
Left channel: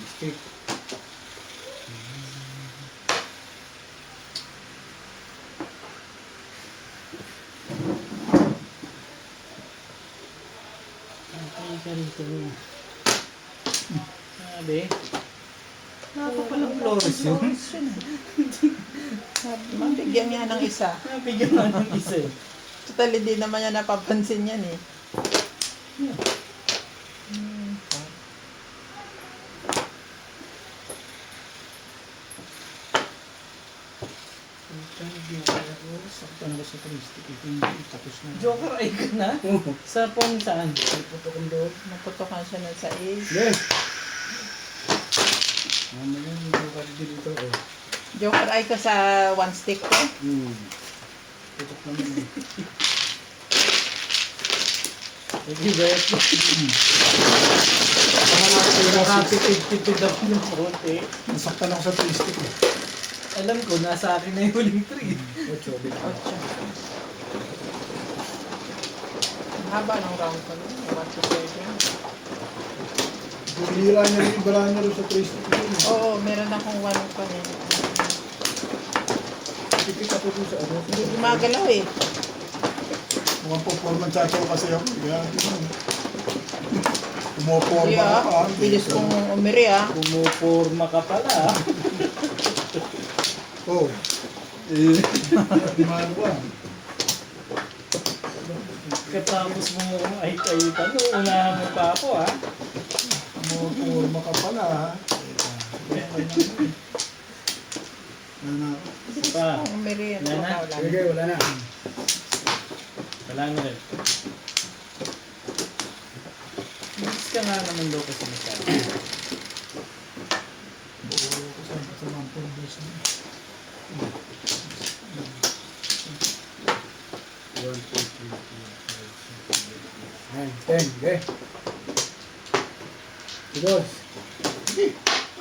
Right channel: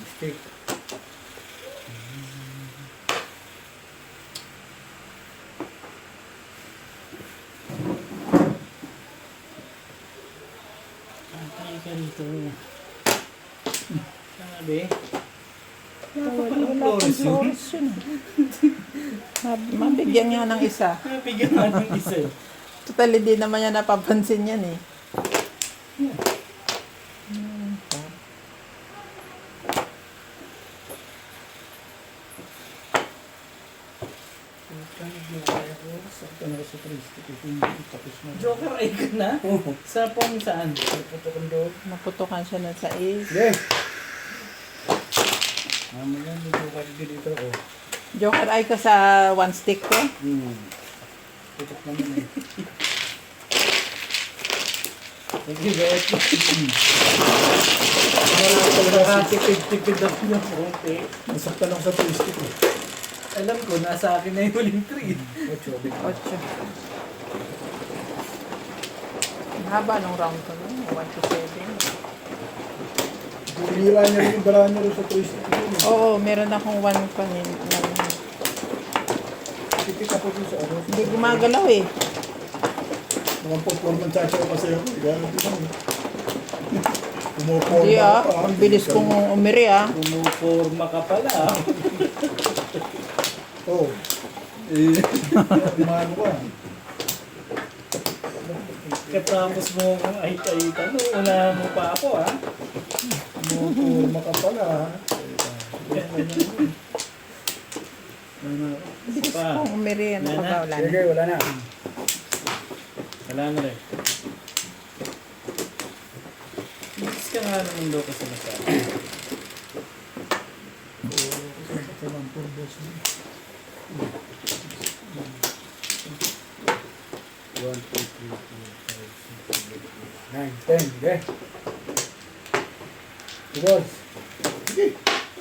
Mistake. Okay ka rito. Sabi. Wala pa palang flores yun. Mabigyan nga ng isa. Bigyan nga ng isa. Total, hindi naman niya napapansin yan eh. Sa Joker ay ka na? Sa pong saan? Putok doon. Maputokan siya ng sais. Yes! Mamaya, dito ka dito. Oh. Joker ay ka sa one stick ko. Putok naman eh. Hindi ba? Parang tipid ako ng konti. Nasaktan ako sa twisted eh. Alam ko, nasa akin na yung huling 3. 8, di ba? 8. Ang haba ng round ko. 1 to 7. Bumira niya rin yung barahan niya rin sa twisted ko. Oo, meron akong 1 kanina. Tipid ako dun sa ano. Hindi gumagalaw eh. Pumapapor ng chacha ko kasi ako. Kaya pumapor Hindi na ah. ako. Ang bilis kong umiri ah. Pumuporma ka pala. Oo. Mahalo ka. Katapos mo ay tanong, unahan mo pa ako ha. Pumapor ka pala ha. Bilis Pa. kong umiri. Ano Wala ba na. wala Sige, na. wala na. Wala na rin. Bilis ka nga naman daw kasi masyado. One, two, three, four, five, six, seven, 8, 9, 10. Okay. Boss.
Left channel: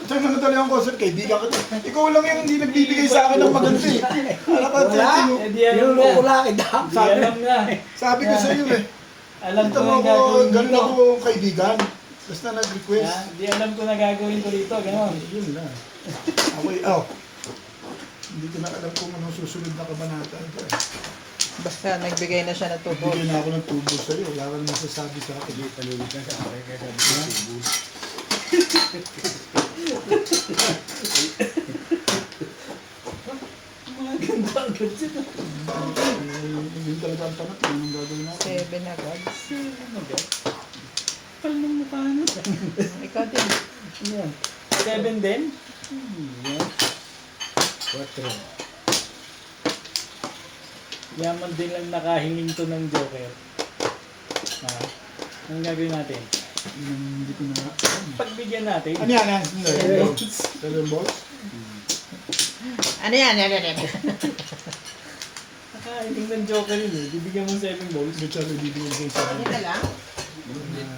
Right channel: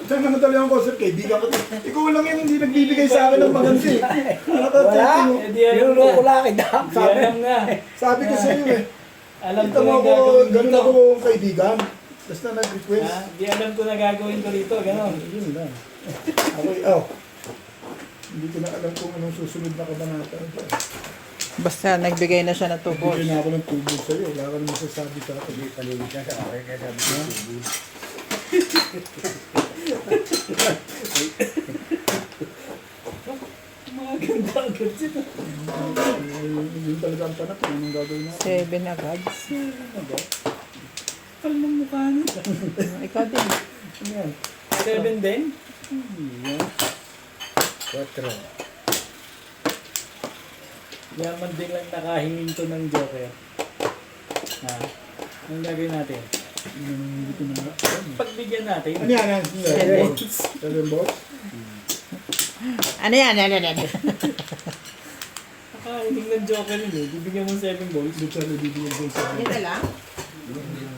Saan na natali ang concert? Kaibigan ko to. Ikaw lang yung hindi nagbibigay sa akin ng maganda eh. Wala ka, Niluloko lang kita. Alam na. sabi ko sa iyo eh. Alam ko Ito na ako, gagawin ganun dito. ako kaibigan. Basta nag-request. Di alam ko na gagawin ko dito. Ganon. Yun na. Okay, oh. Hindi ko na alam kung anong susunod na kabanata. Basta nagbigay na siya ng tubo. Bigyan na ako ng tubo sa iyo. Wala kang masasabi sa akin. Hindi paligid ka sa akin kaya sabi ko tubo. agad sila. Yun talaga ang tanap. Yun ang gagawin natin. 7 agad. Kapal ng mukha mo. Ikaw din. Ano yan? 7 din? Yan. 4. Yaman din lang nakahiling to ng Joker. Ha? Anong gagawin natin? Hindi ko na. Pagbigyan natin. Ano yan? Ano yan? 7 balls? Ano yan? Ano yan? Nakahiling ng Joker yun eh. Bibigyan mo 7 balls. Hindi siya nabibigyan sa isa. Dito lang?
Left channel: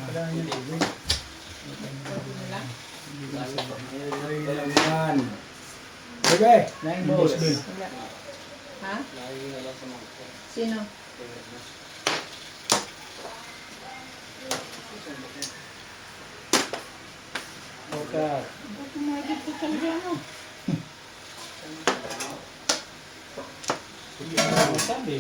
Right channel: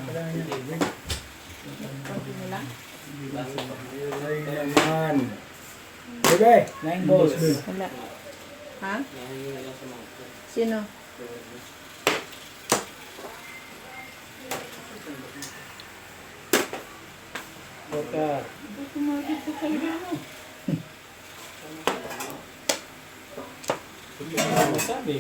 Kailangan yan. Dito lang? Ay naman. Bebe, 9 balls. Wala. Ha? Sino? Joker. Kumakit ka talaga ano? Ano sabi?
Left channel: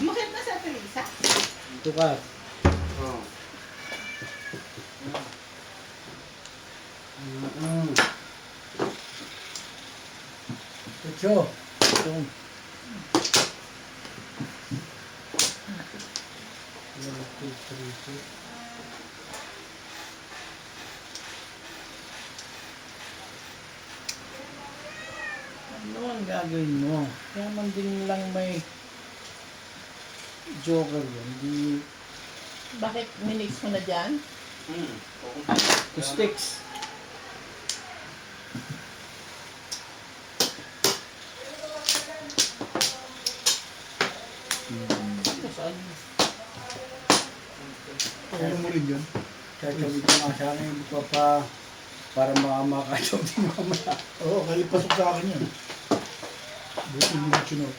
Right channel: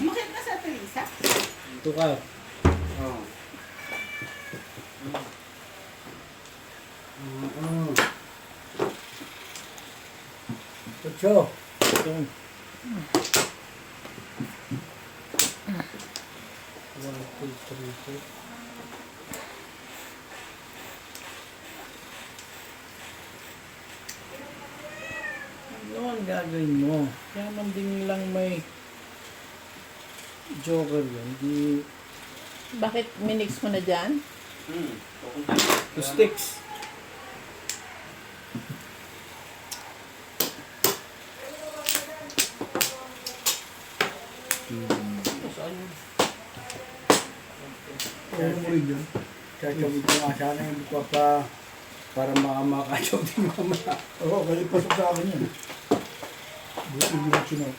Bakit na sa Teresa? Tukar. Oo. Ocho. Ito. 1, 2, 3, 4. Ano ang gagawin mo? Kaya man din lang may Joker yun. Di Bakit minix mo na dyan? two sticks. Kaya mo rin yun. Chachawin ko nga sana yung buka pa para makachog din mamaya. Oo, kahit pasok sa akin yun. Buti hindi na chinog.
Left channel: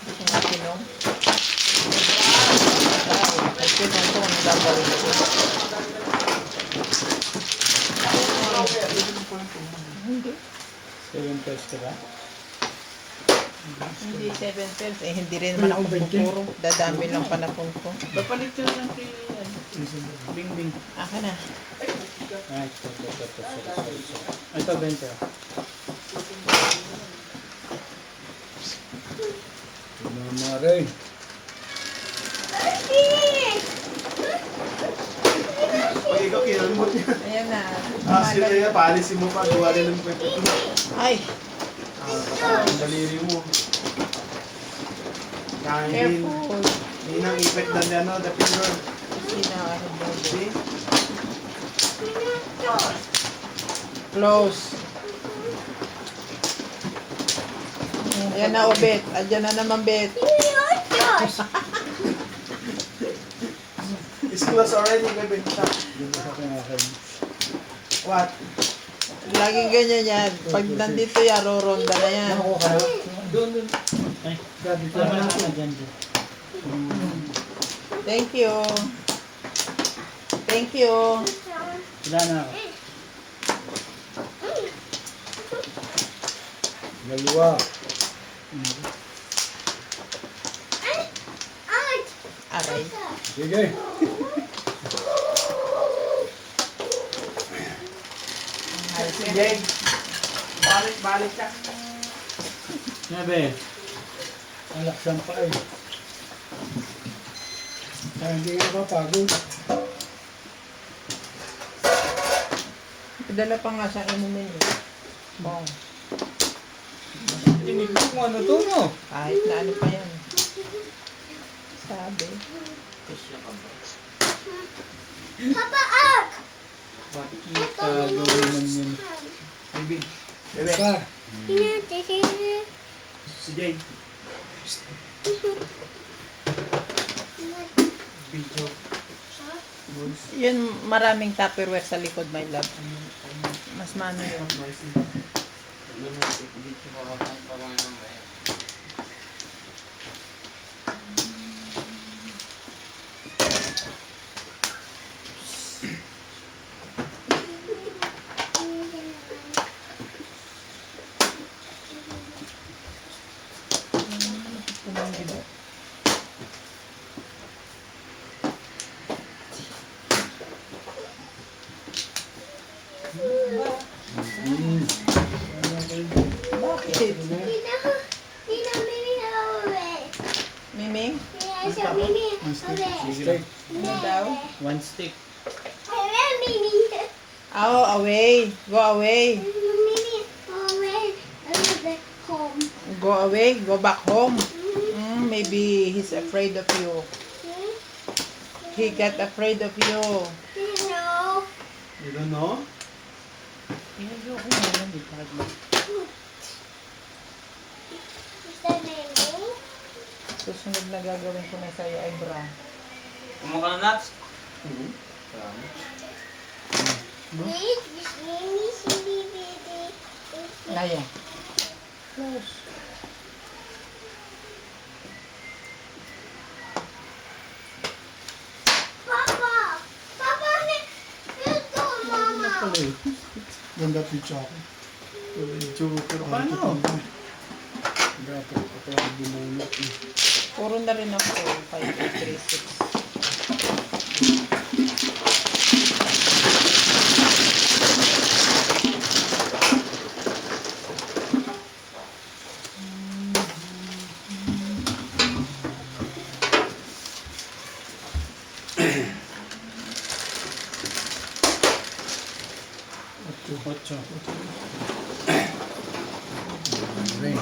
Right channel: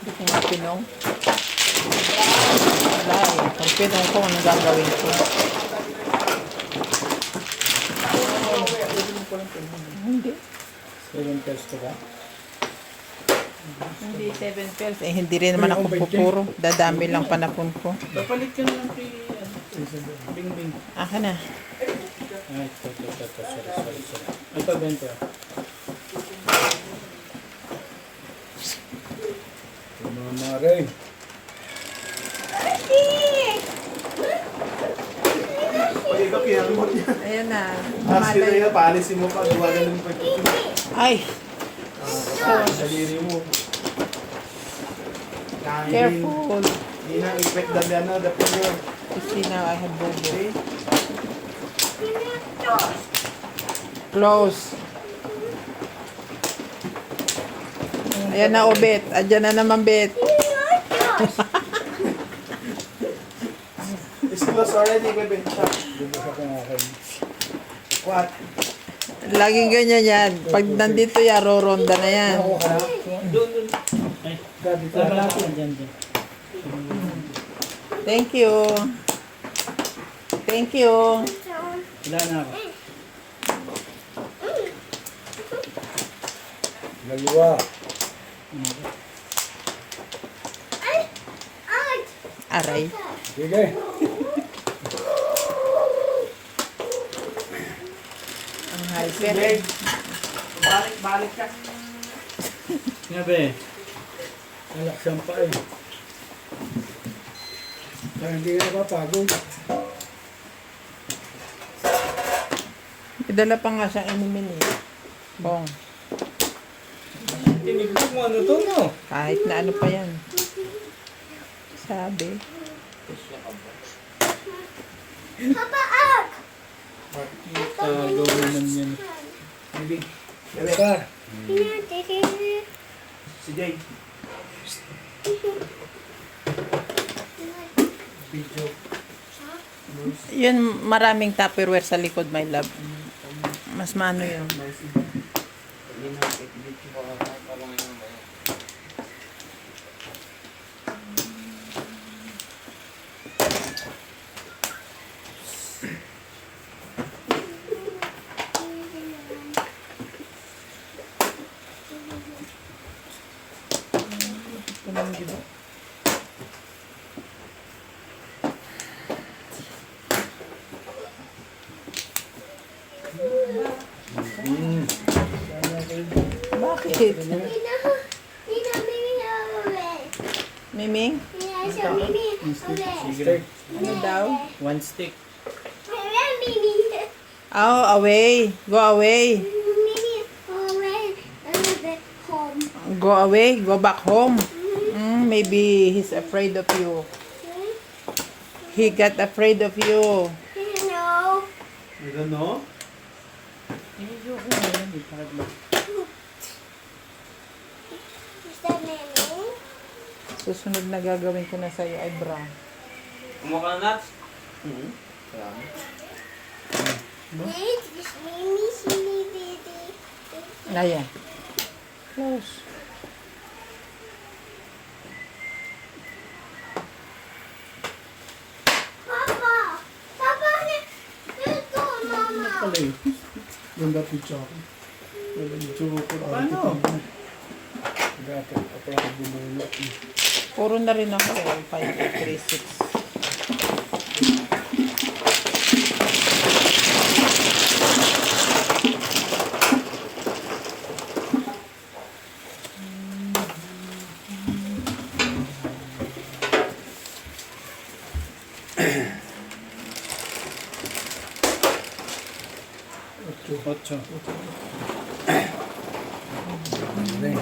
Bakit na pinong? Ay, pinong ko ang gagawin ko. Hindi. 7 pesos ka ba? Hindi 7 pairs. Eh, hindi rin naman ako pupuro. Dadami lang panapon ko. Papalit ka na lang kay Bing Bing. Aka na. Ay, ito. Sorry. Ito, bento. Mama rin. Ikaw, kaya mo niya. Ayan na. Sila yan, paalisin mo pa. Gawa rin ng pagkito. Ay, Daliri mo. careful. Hindi nang effect dali ano, the finger. Christina, I have birthday. Close. Ayan na, ubit. Adyan na naman, bet. It's close already, baby. Dito sa kung akin. What? Laging ganyan yan. Pag nandito yan, roronda na yan. Ako ka na? Doon. Eh, dito na ako. Dyan. Thank you. Thank you. Wala na ako. Dalawa. Aray. Sige. Ang halper. Sige. Balik ka. Nga be. Alaksan pa eh. Kaya hindi ka napapagod. Idala pa nga siya inumin eh. Bong. Tinig mo ano to no? Kahit na ano pa yan. Sabi. Gawin naman yan. Baby. Bebe. Pa. Si Jay. Video. Yun, maraming tupperware sa likod, my love. Mas mano yun. Shit. Miming? Steak. Ano daw? 1 stick. Oh, away. Go away. Go away. Go back home. Maybe he's afraid of you. He got afraid of you. You don't know? Susunod na gagawin ko na sa'yo ay bra. Kumaka na nuts? Naya. Close. Ganda pizza ako. Paano? Dapat ako lang bumunot. Puro na rin ako. 5, 3, 6. Ocho. Ring.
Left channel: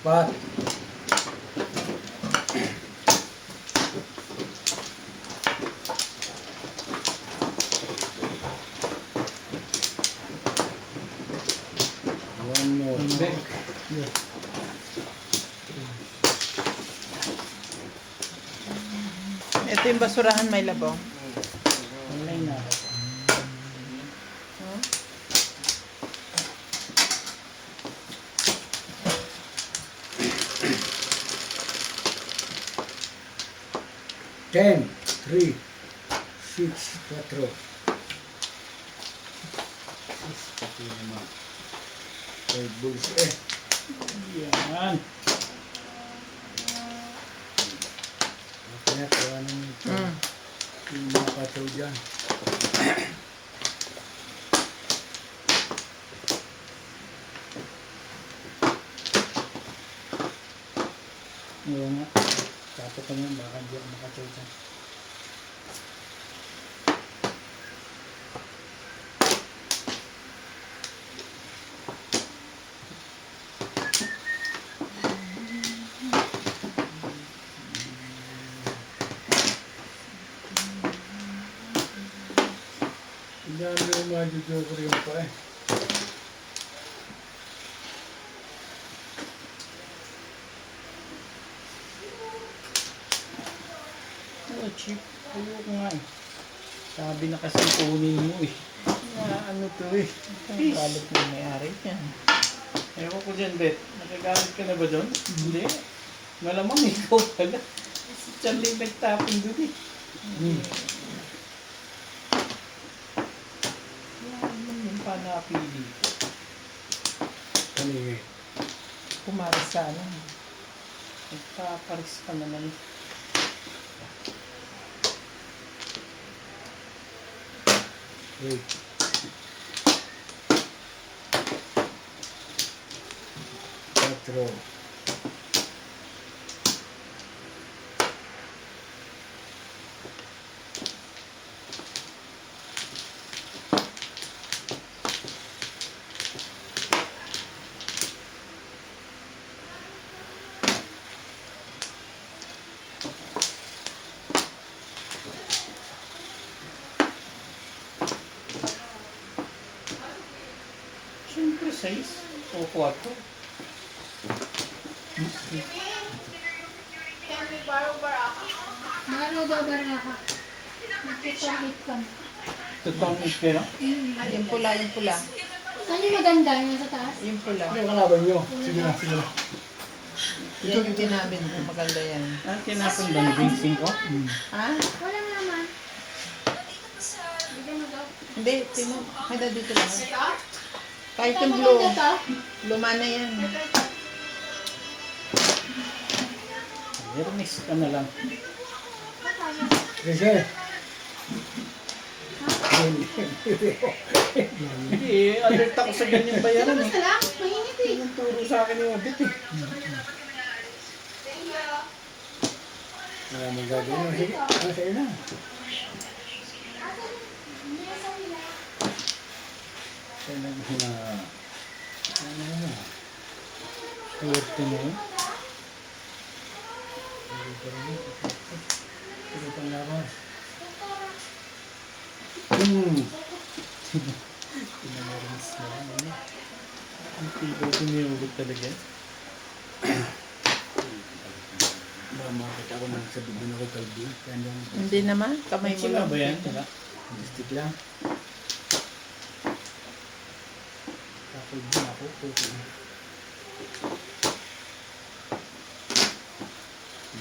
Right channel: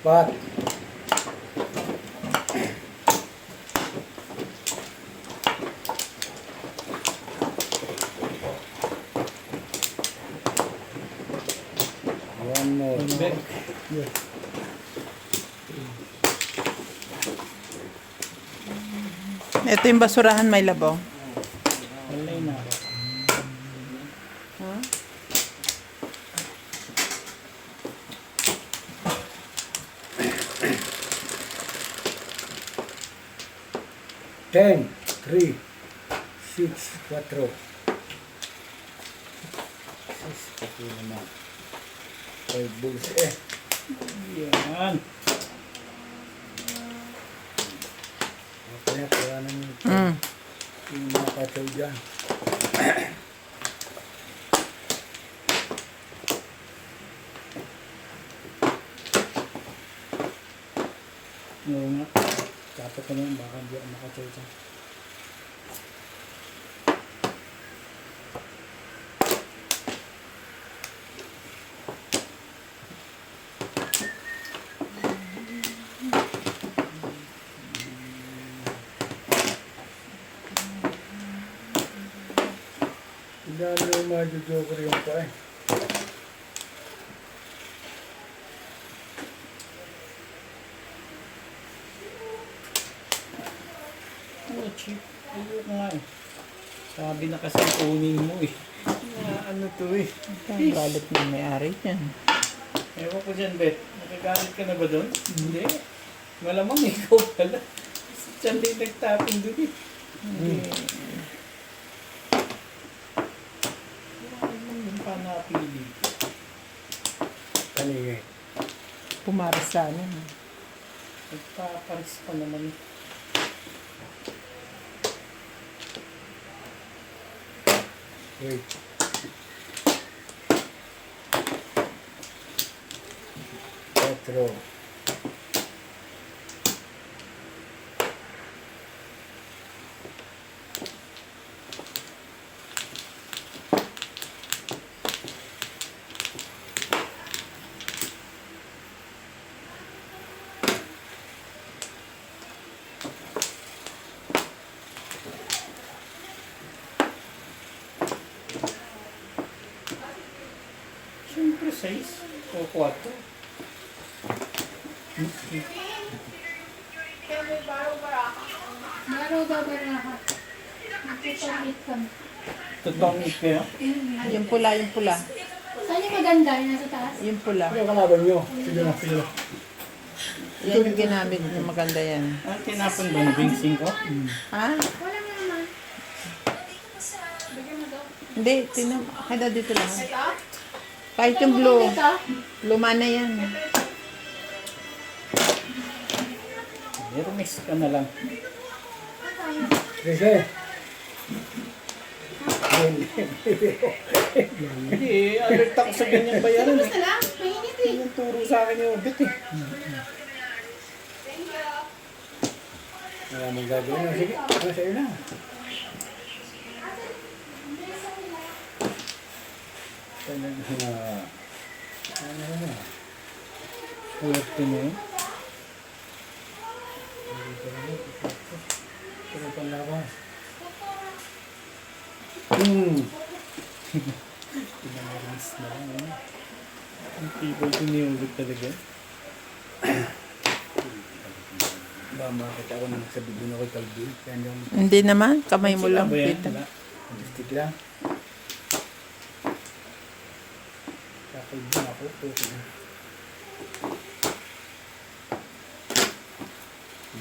Apat. One more. Ito yung basurahan, may labaw. Wala na. Ten, 3, 6, 4. Pati naman. 5 bulls eh. Yan. Kaya kaya naman ito. Yung mga pasaw dyan. Ngayon nga. Tapos ka naman baka di ako makasaw dyan. Hindi naman majujoker yung pa eh. Oh, cheap. Ayoko nga eh. Sabi na kasi kunin mo eh. Ano to eh. Ang galit na may-ari yan. Ewan ko dyan, Bet. Nakagalit ka na ba doon? Hindi. Malamang ikaw pala. Si Charlie nagtapon doon eh. Wala naman yung panapili. Kanina. Pumarasana. Nagpaparis pa naman. Wait. Cuatro. Siyempre 6 o 4. Meron daw ba rin ako? Nagkikahit ka. Totoong kayo? Yung pula, yung pula. Saan yung maganda? Yung nasa taas? Yung pula. Ano yung kalaban nyo? Sige na, sige na. Yan yung ginamit ko. Maganda yan. Ah, tinapon ba na bingsing ko? Ha? Wala naman. Hindi, kada dito lang. Kahit yung blue, luma na yan. Pero mix ka na lang. Treasure. Hindi, alert ako sa ganyan bayaran eh. Basta lang, mainit eh. Yung turo sa akin yung bit eh. Wala mong gagawin. No? Sige, ano sa'yo na. Talaga na. Ano na. Swerte mo. Pero panlaban. Pinamarins na lang. Ang tibay tumiyugot talaga. Ba, makakita ako nang sa bigyan ako kalbi. Hindi naman, kamay mo lang. Ba yan? Stick lang. Kakalbi ako. Okay na.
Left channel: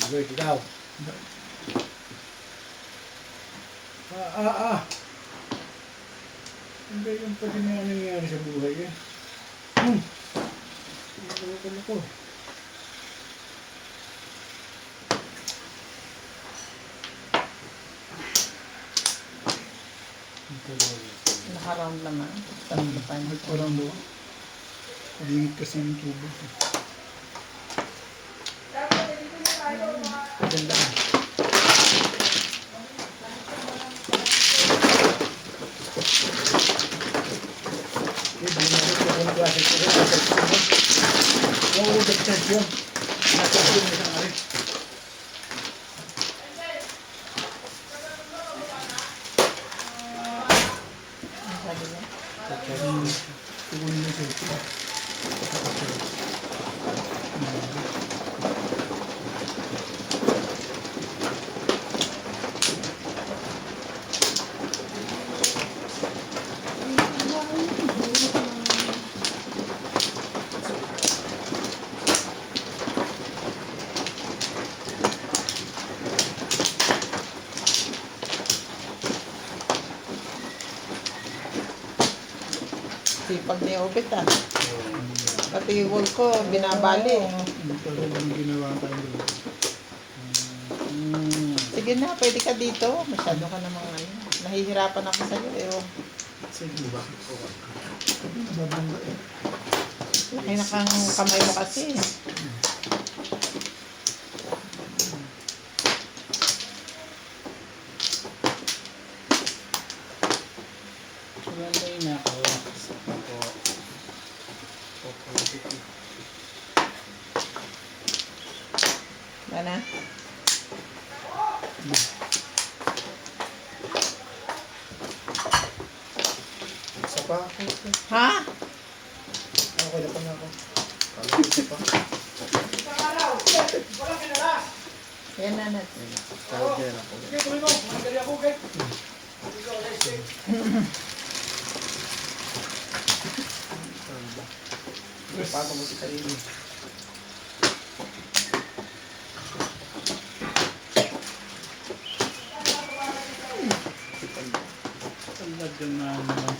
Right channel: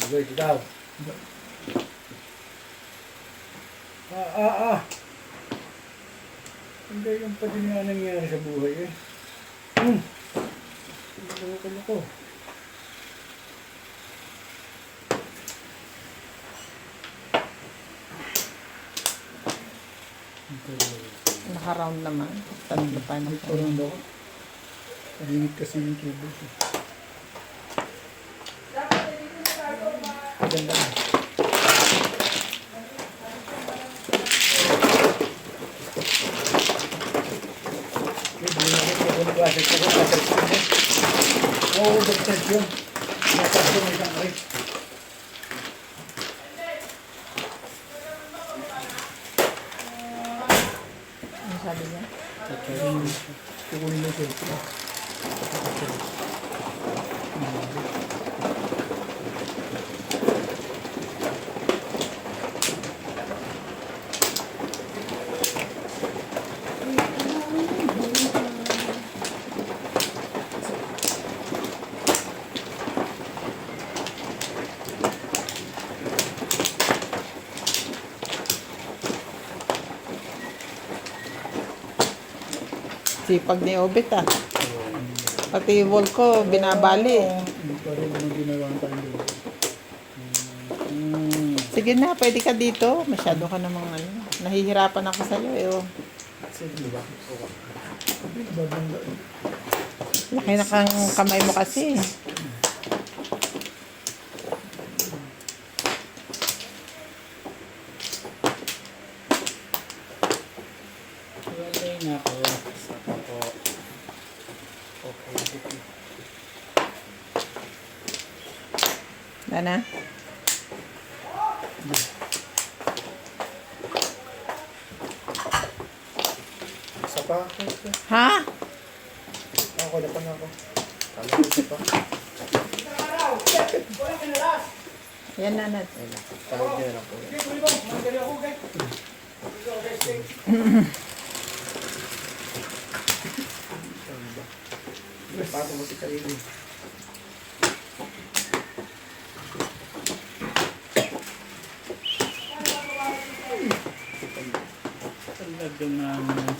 Good, ikaw. Hindi yung pa din nga nangyari sa buhay eh. Loko-loko. Naka-round naman. Tanong ba tayo? Parang loko. Limit kasi yung tubo. Ganda na. Oo, dagdag yun. Nasa yun ang sangari. Ang sabi niya. Kukunin mo siya. Sipag ni Obit ah. Pati yung wall ko, binabali. Pero yung ginawa ka rin. Sige na, pwede ka dito. Masyado ka namang ano. Nahihirapan ako sa iyo. Eh, oh. Sige ba? Laki na kang kamay mo kasi. Okay na ako. Okay. Nana? Isa pa. Ha? Okay na pa na ako. Kala ko isa pa. Yan na. Tawag niya na ako. Paano mo si Karili? Talaga naman.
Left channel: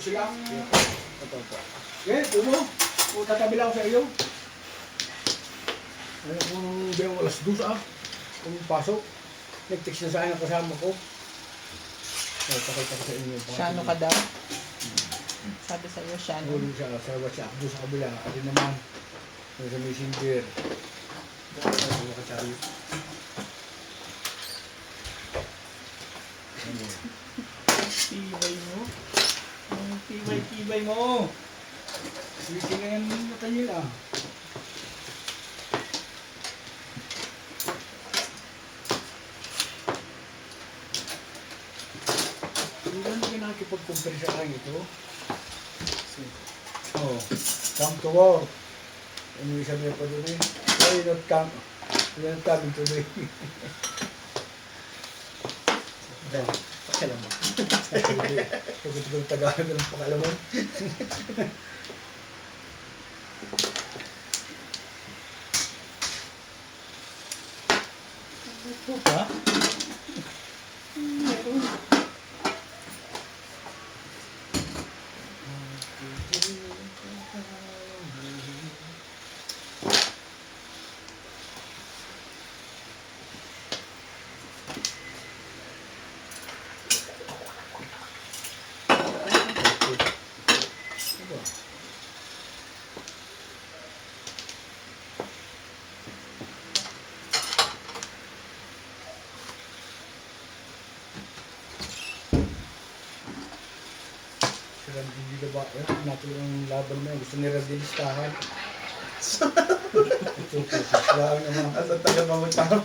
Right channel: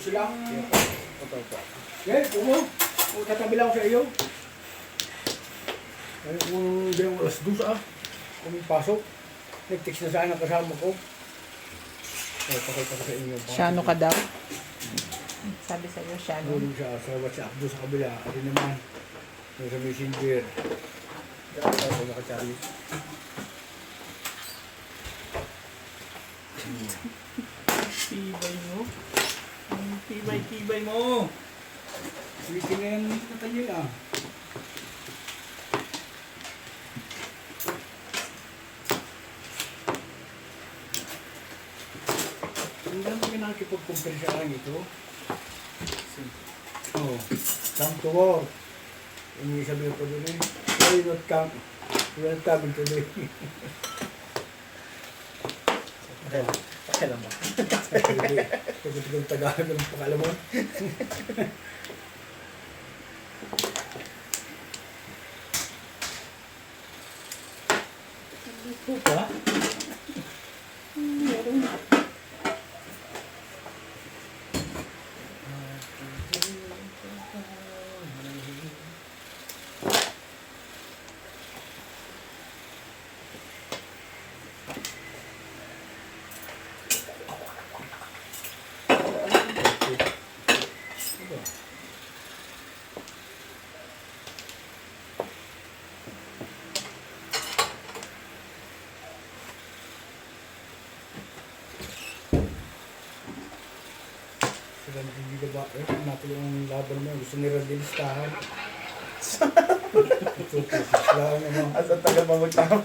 sila. Opo, opo. Okay, puno. O tatabi lang sa iyo. Ano kung yung alas 2 kung pasok. Nag-text na sa akin ang kasama ko. Ay, pakita ko sa inyo. Shano ka daw? Sabi sa iyo, Shano. Nulong siya sa WhatsApp doon sa kabila. At naman, sa messenger. Dahil sa mga Charlie. Tibay mo. Ang tibay mo. Sisi na yan, matayin ah. Hindi lang kayo nakikipag-compare sa akin ito. Oh, come to war. Hindi sabi ko doon eh. Why not come? Why not coming today? Pakialam ba? Pagod kong Tagalog ng pakalamon. Ito pa? Meron. Sila hindi ba? Natin ang laban mo. Gusto nila dilistahan. Sila ang naman. Asa tagal pa magtama.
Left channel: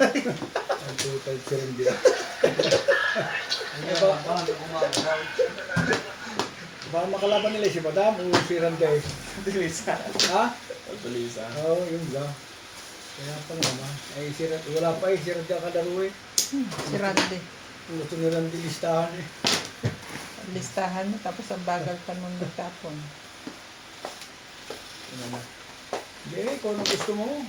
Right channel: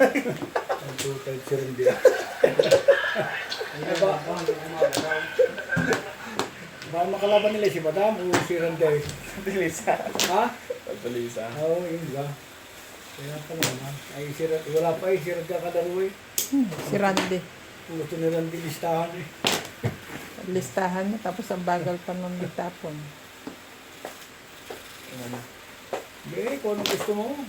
Ang tutay si Randy. Baka makalaban nila si Madam o si Randy. Tulisa. Ha? Tulisa. Oo, yun lang. Kaya pa naman. Ay, wala pa eh. Si Randy kadaro eh. Si Randy. Gusto ni Randy listahan eh. Listahan niya, tapos ang bagal pa nung nagtapon. Hindi, kung ano gusto mo.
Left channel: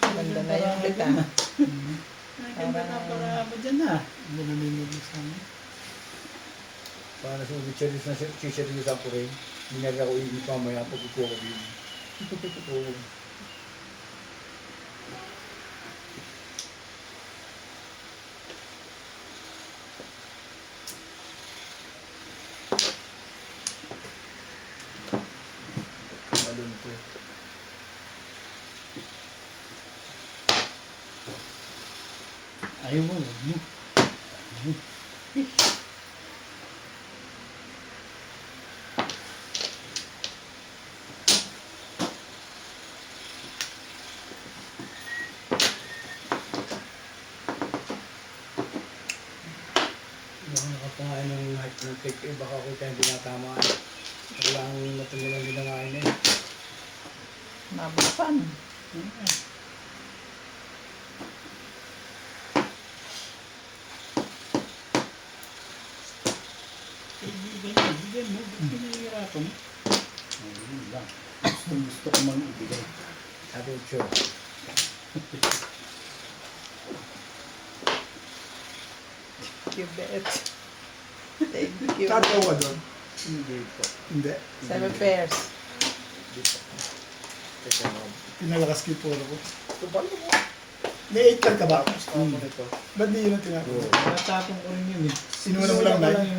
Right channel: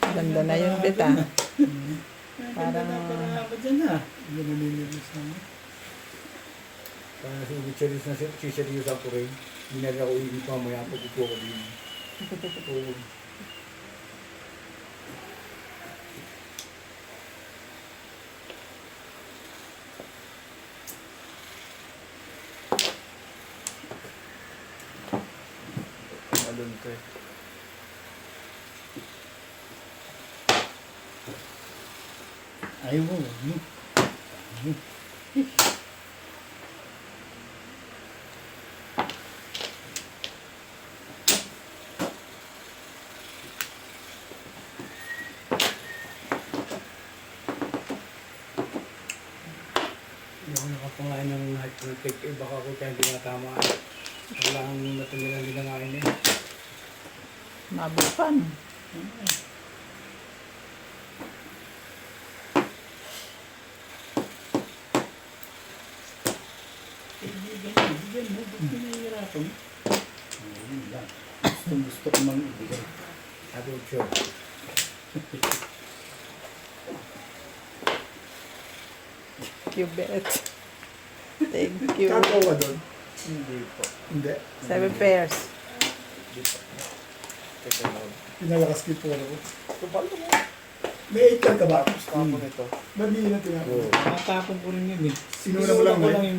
Ganda na yung beta. Parang Para sa ubicharis na siseriyosan ko rin. Hindi na ako iibig mamaya pag upo ko din. Oo. Malun to eh. Ayaw mo. Hindi ako nakapangain ng lahat ng cake eh. Baka ako kaya hindi natama eh. Wala ang natanggalan din ng kain eh. mabukan. Gusto ko mang ibigay. Sabi ko, sure. You bet. Thank you. Kato ka doon? Hindi po. Hindi. 7 pairs. Hindi po. Kasi Pinalakas ko po ako. So, paano mo? May 8 ka ba? tapos na ako nito. Ba't di yun ang tinapos? Natapon ko rin yun eh. Sinula mo lang, Sinula ko eh. yung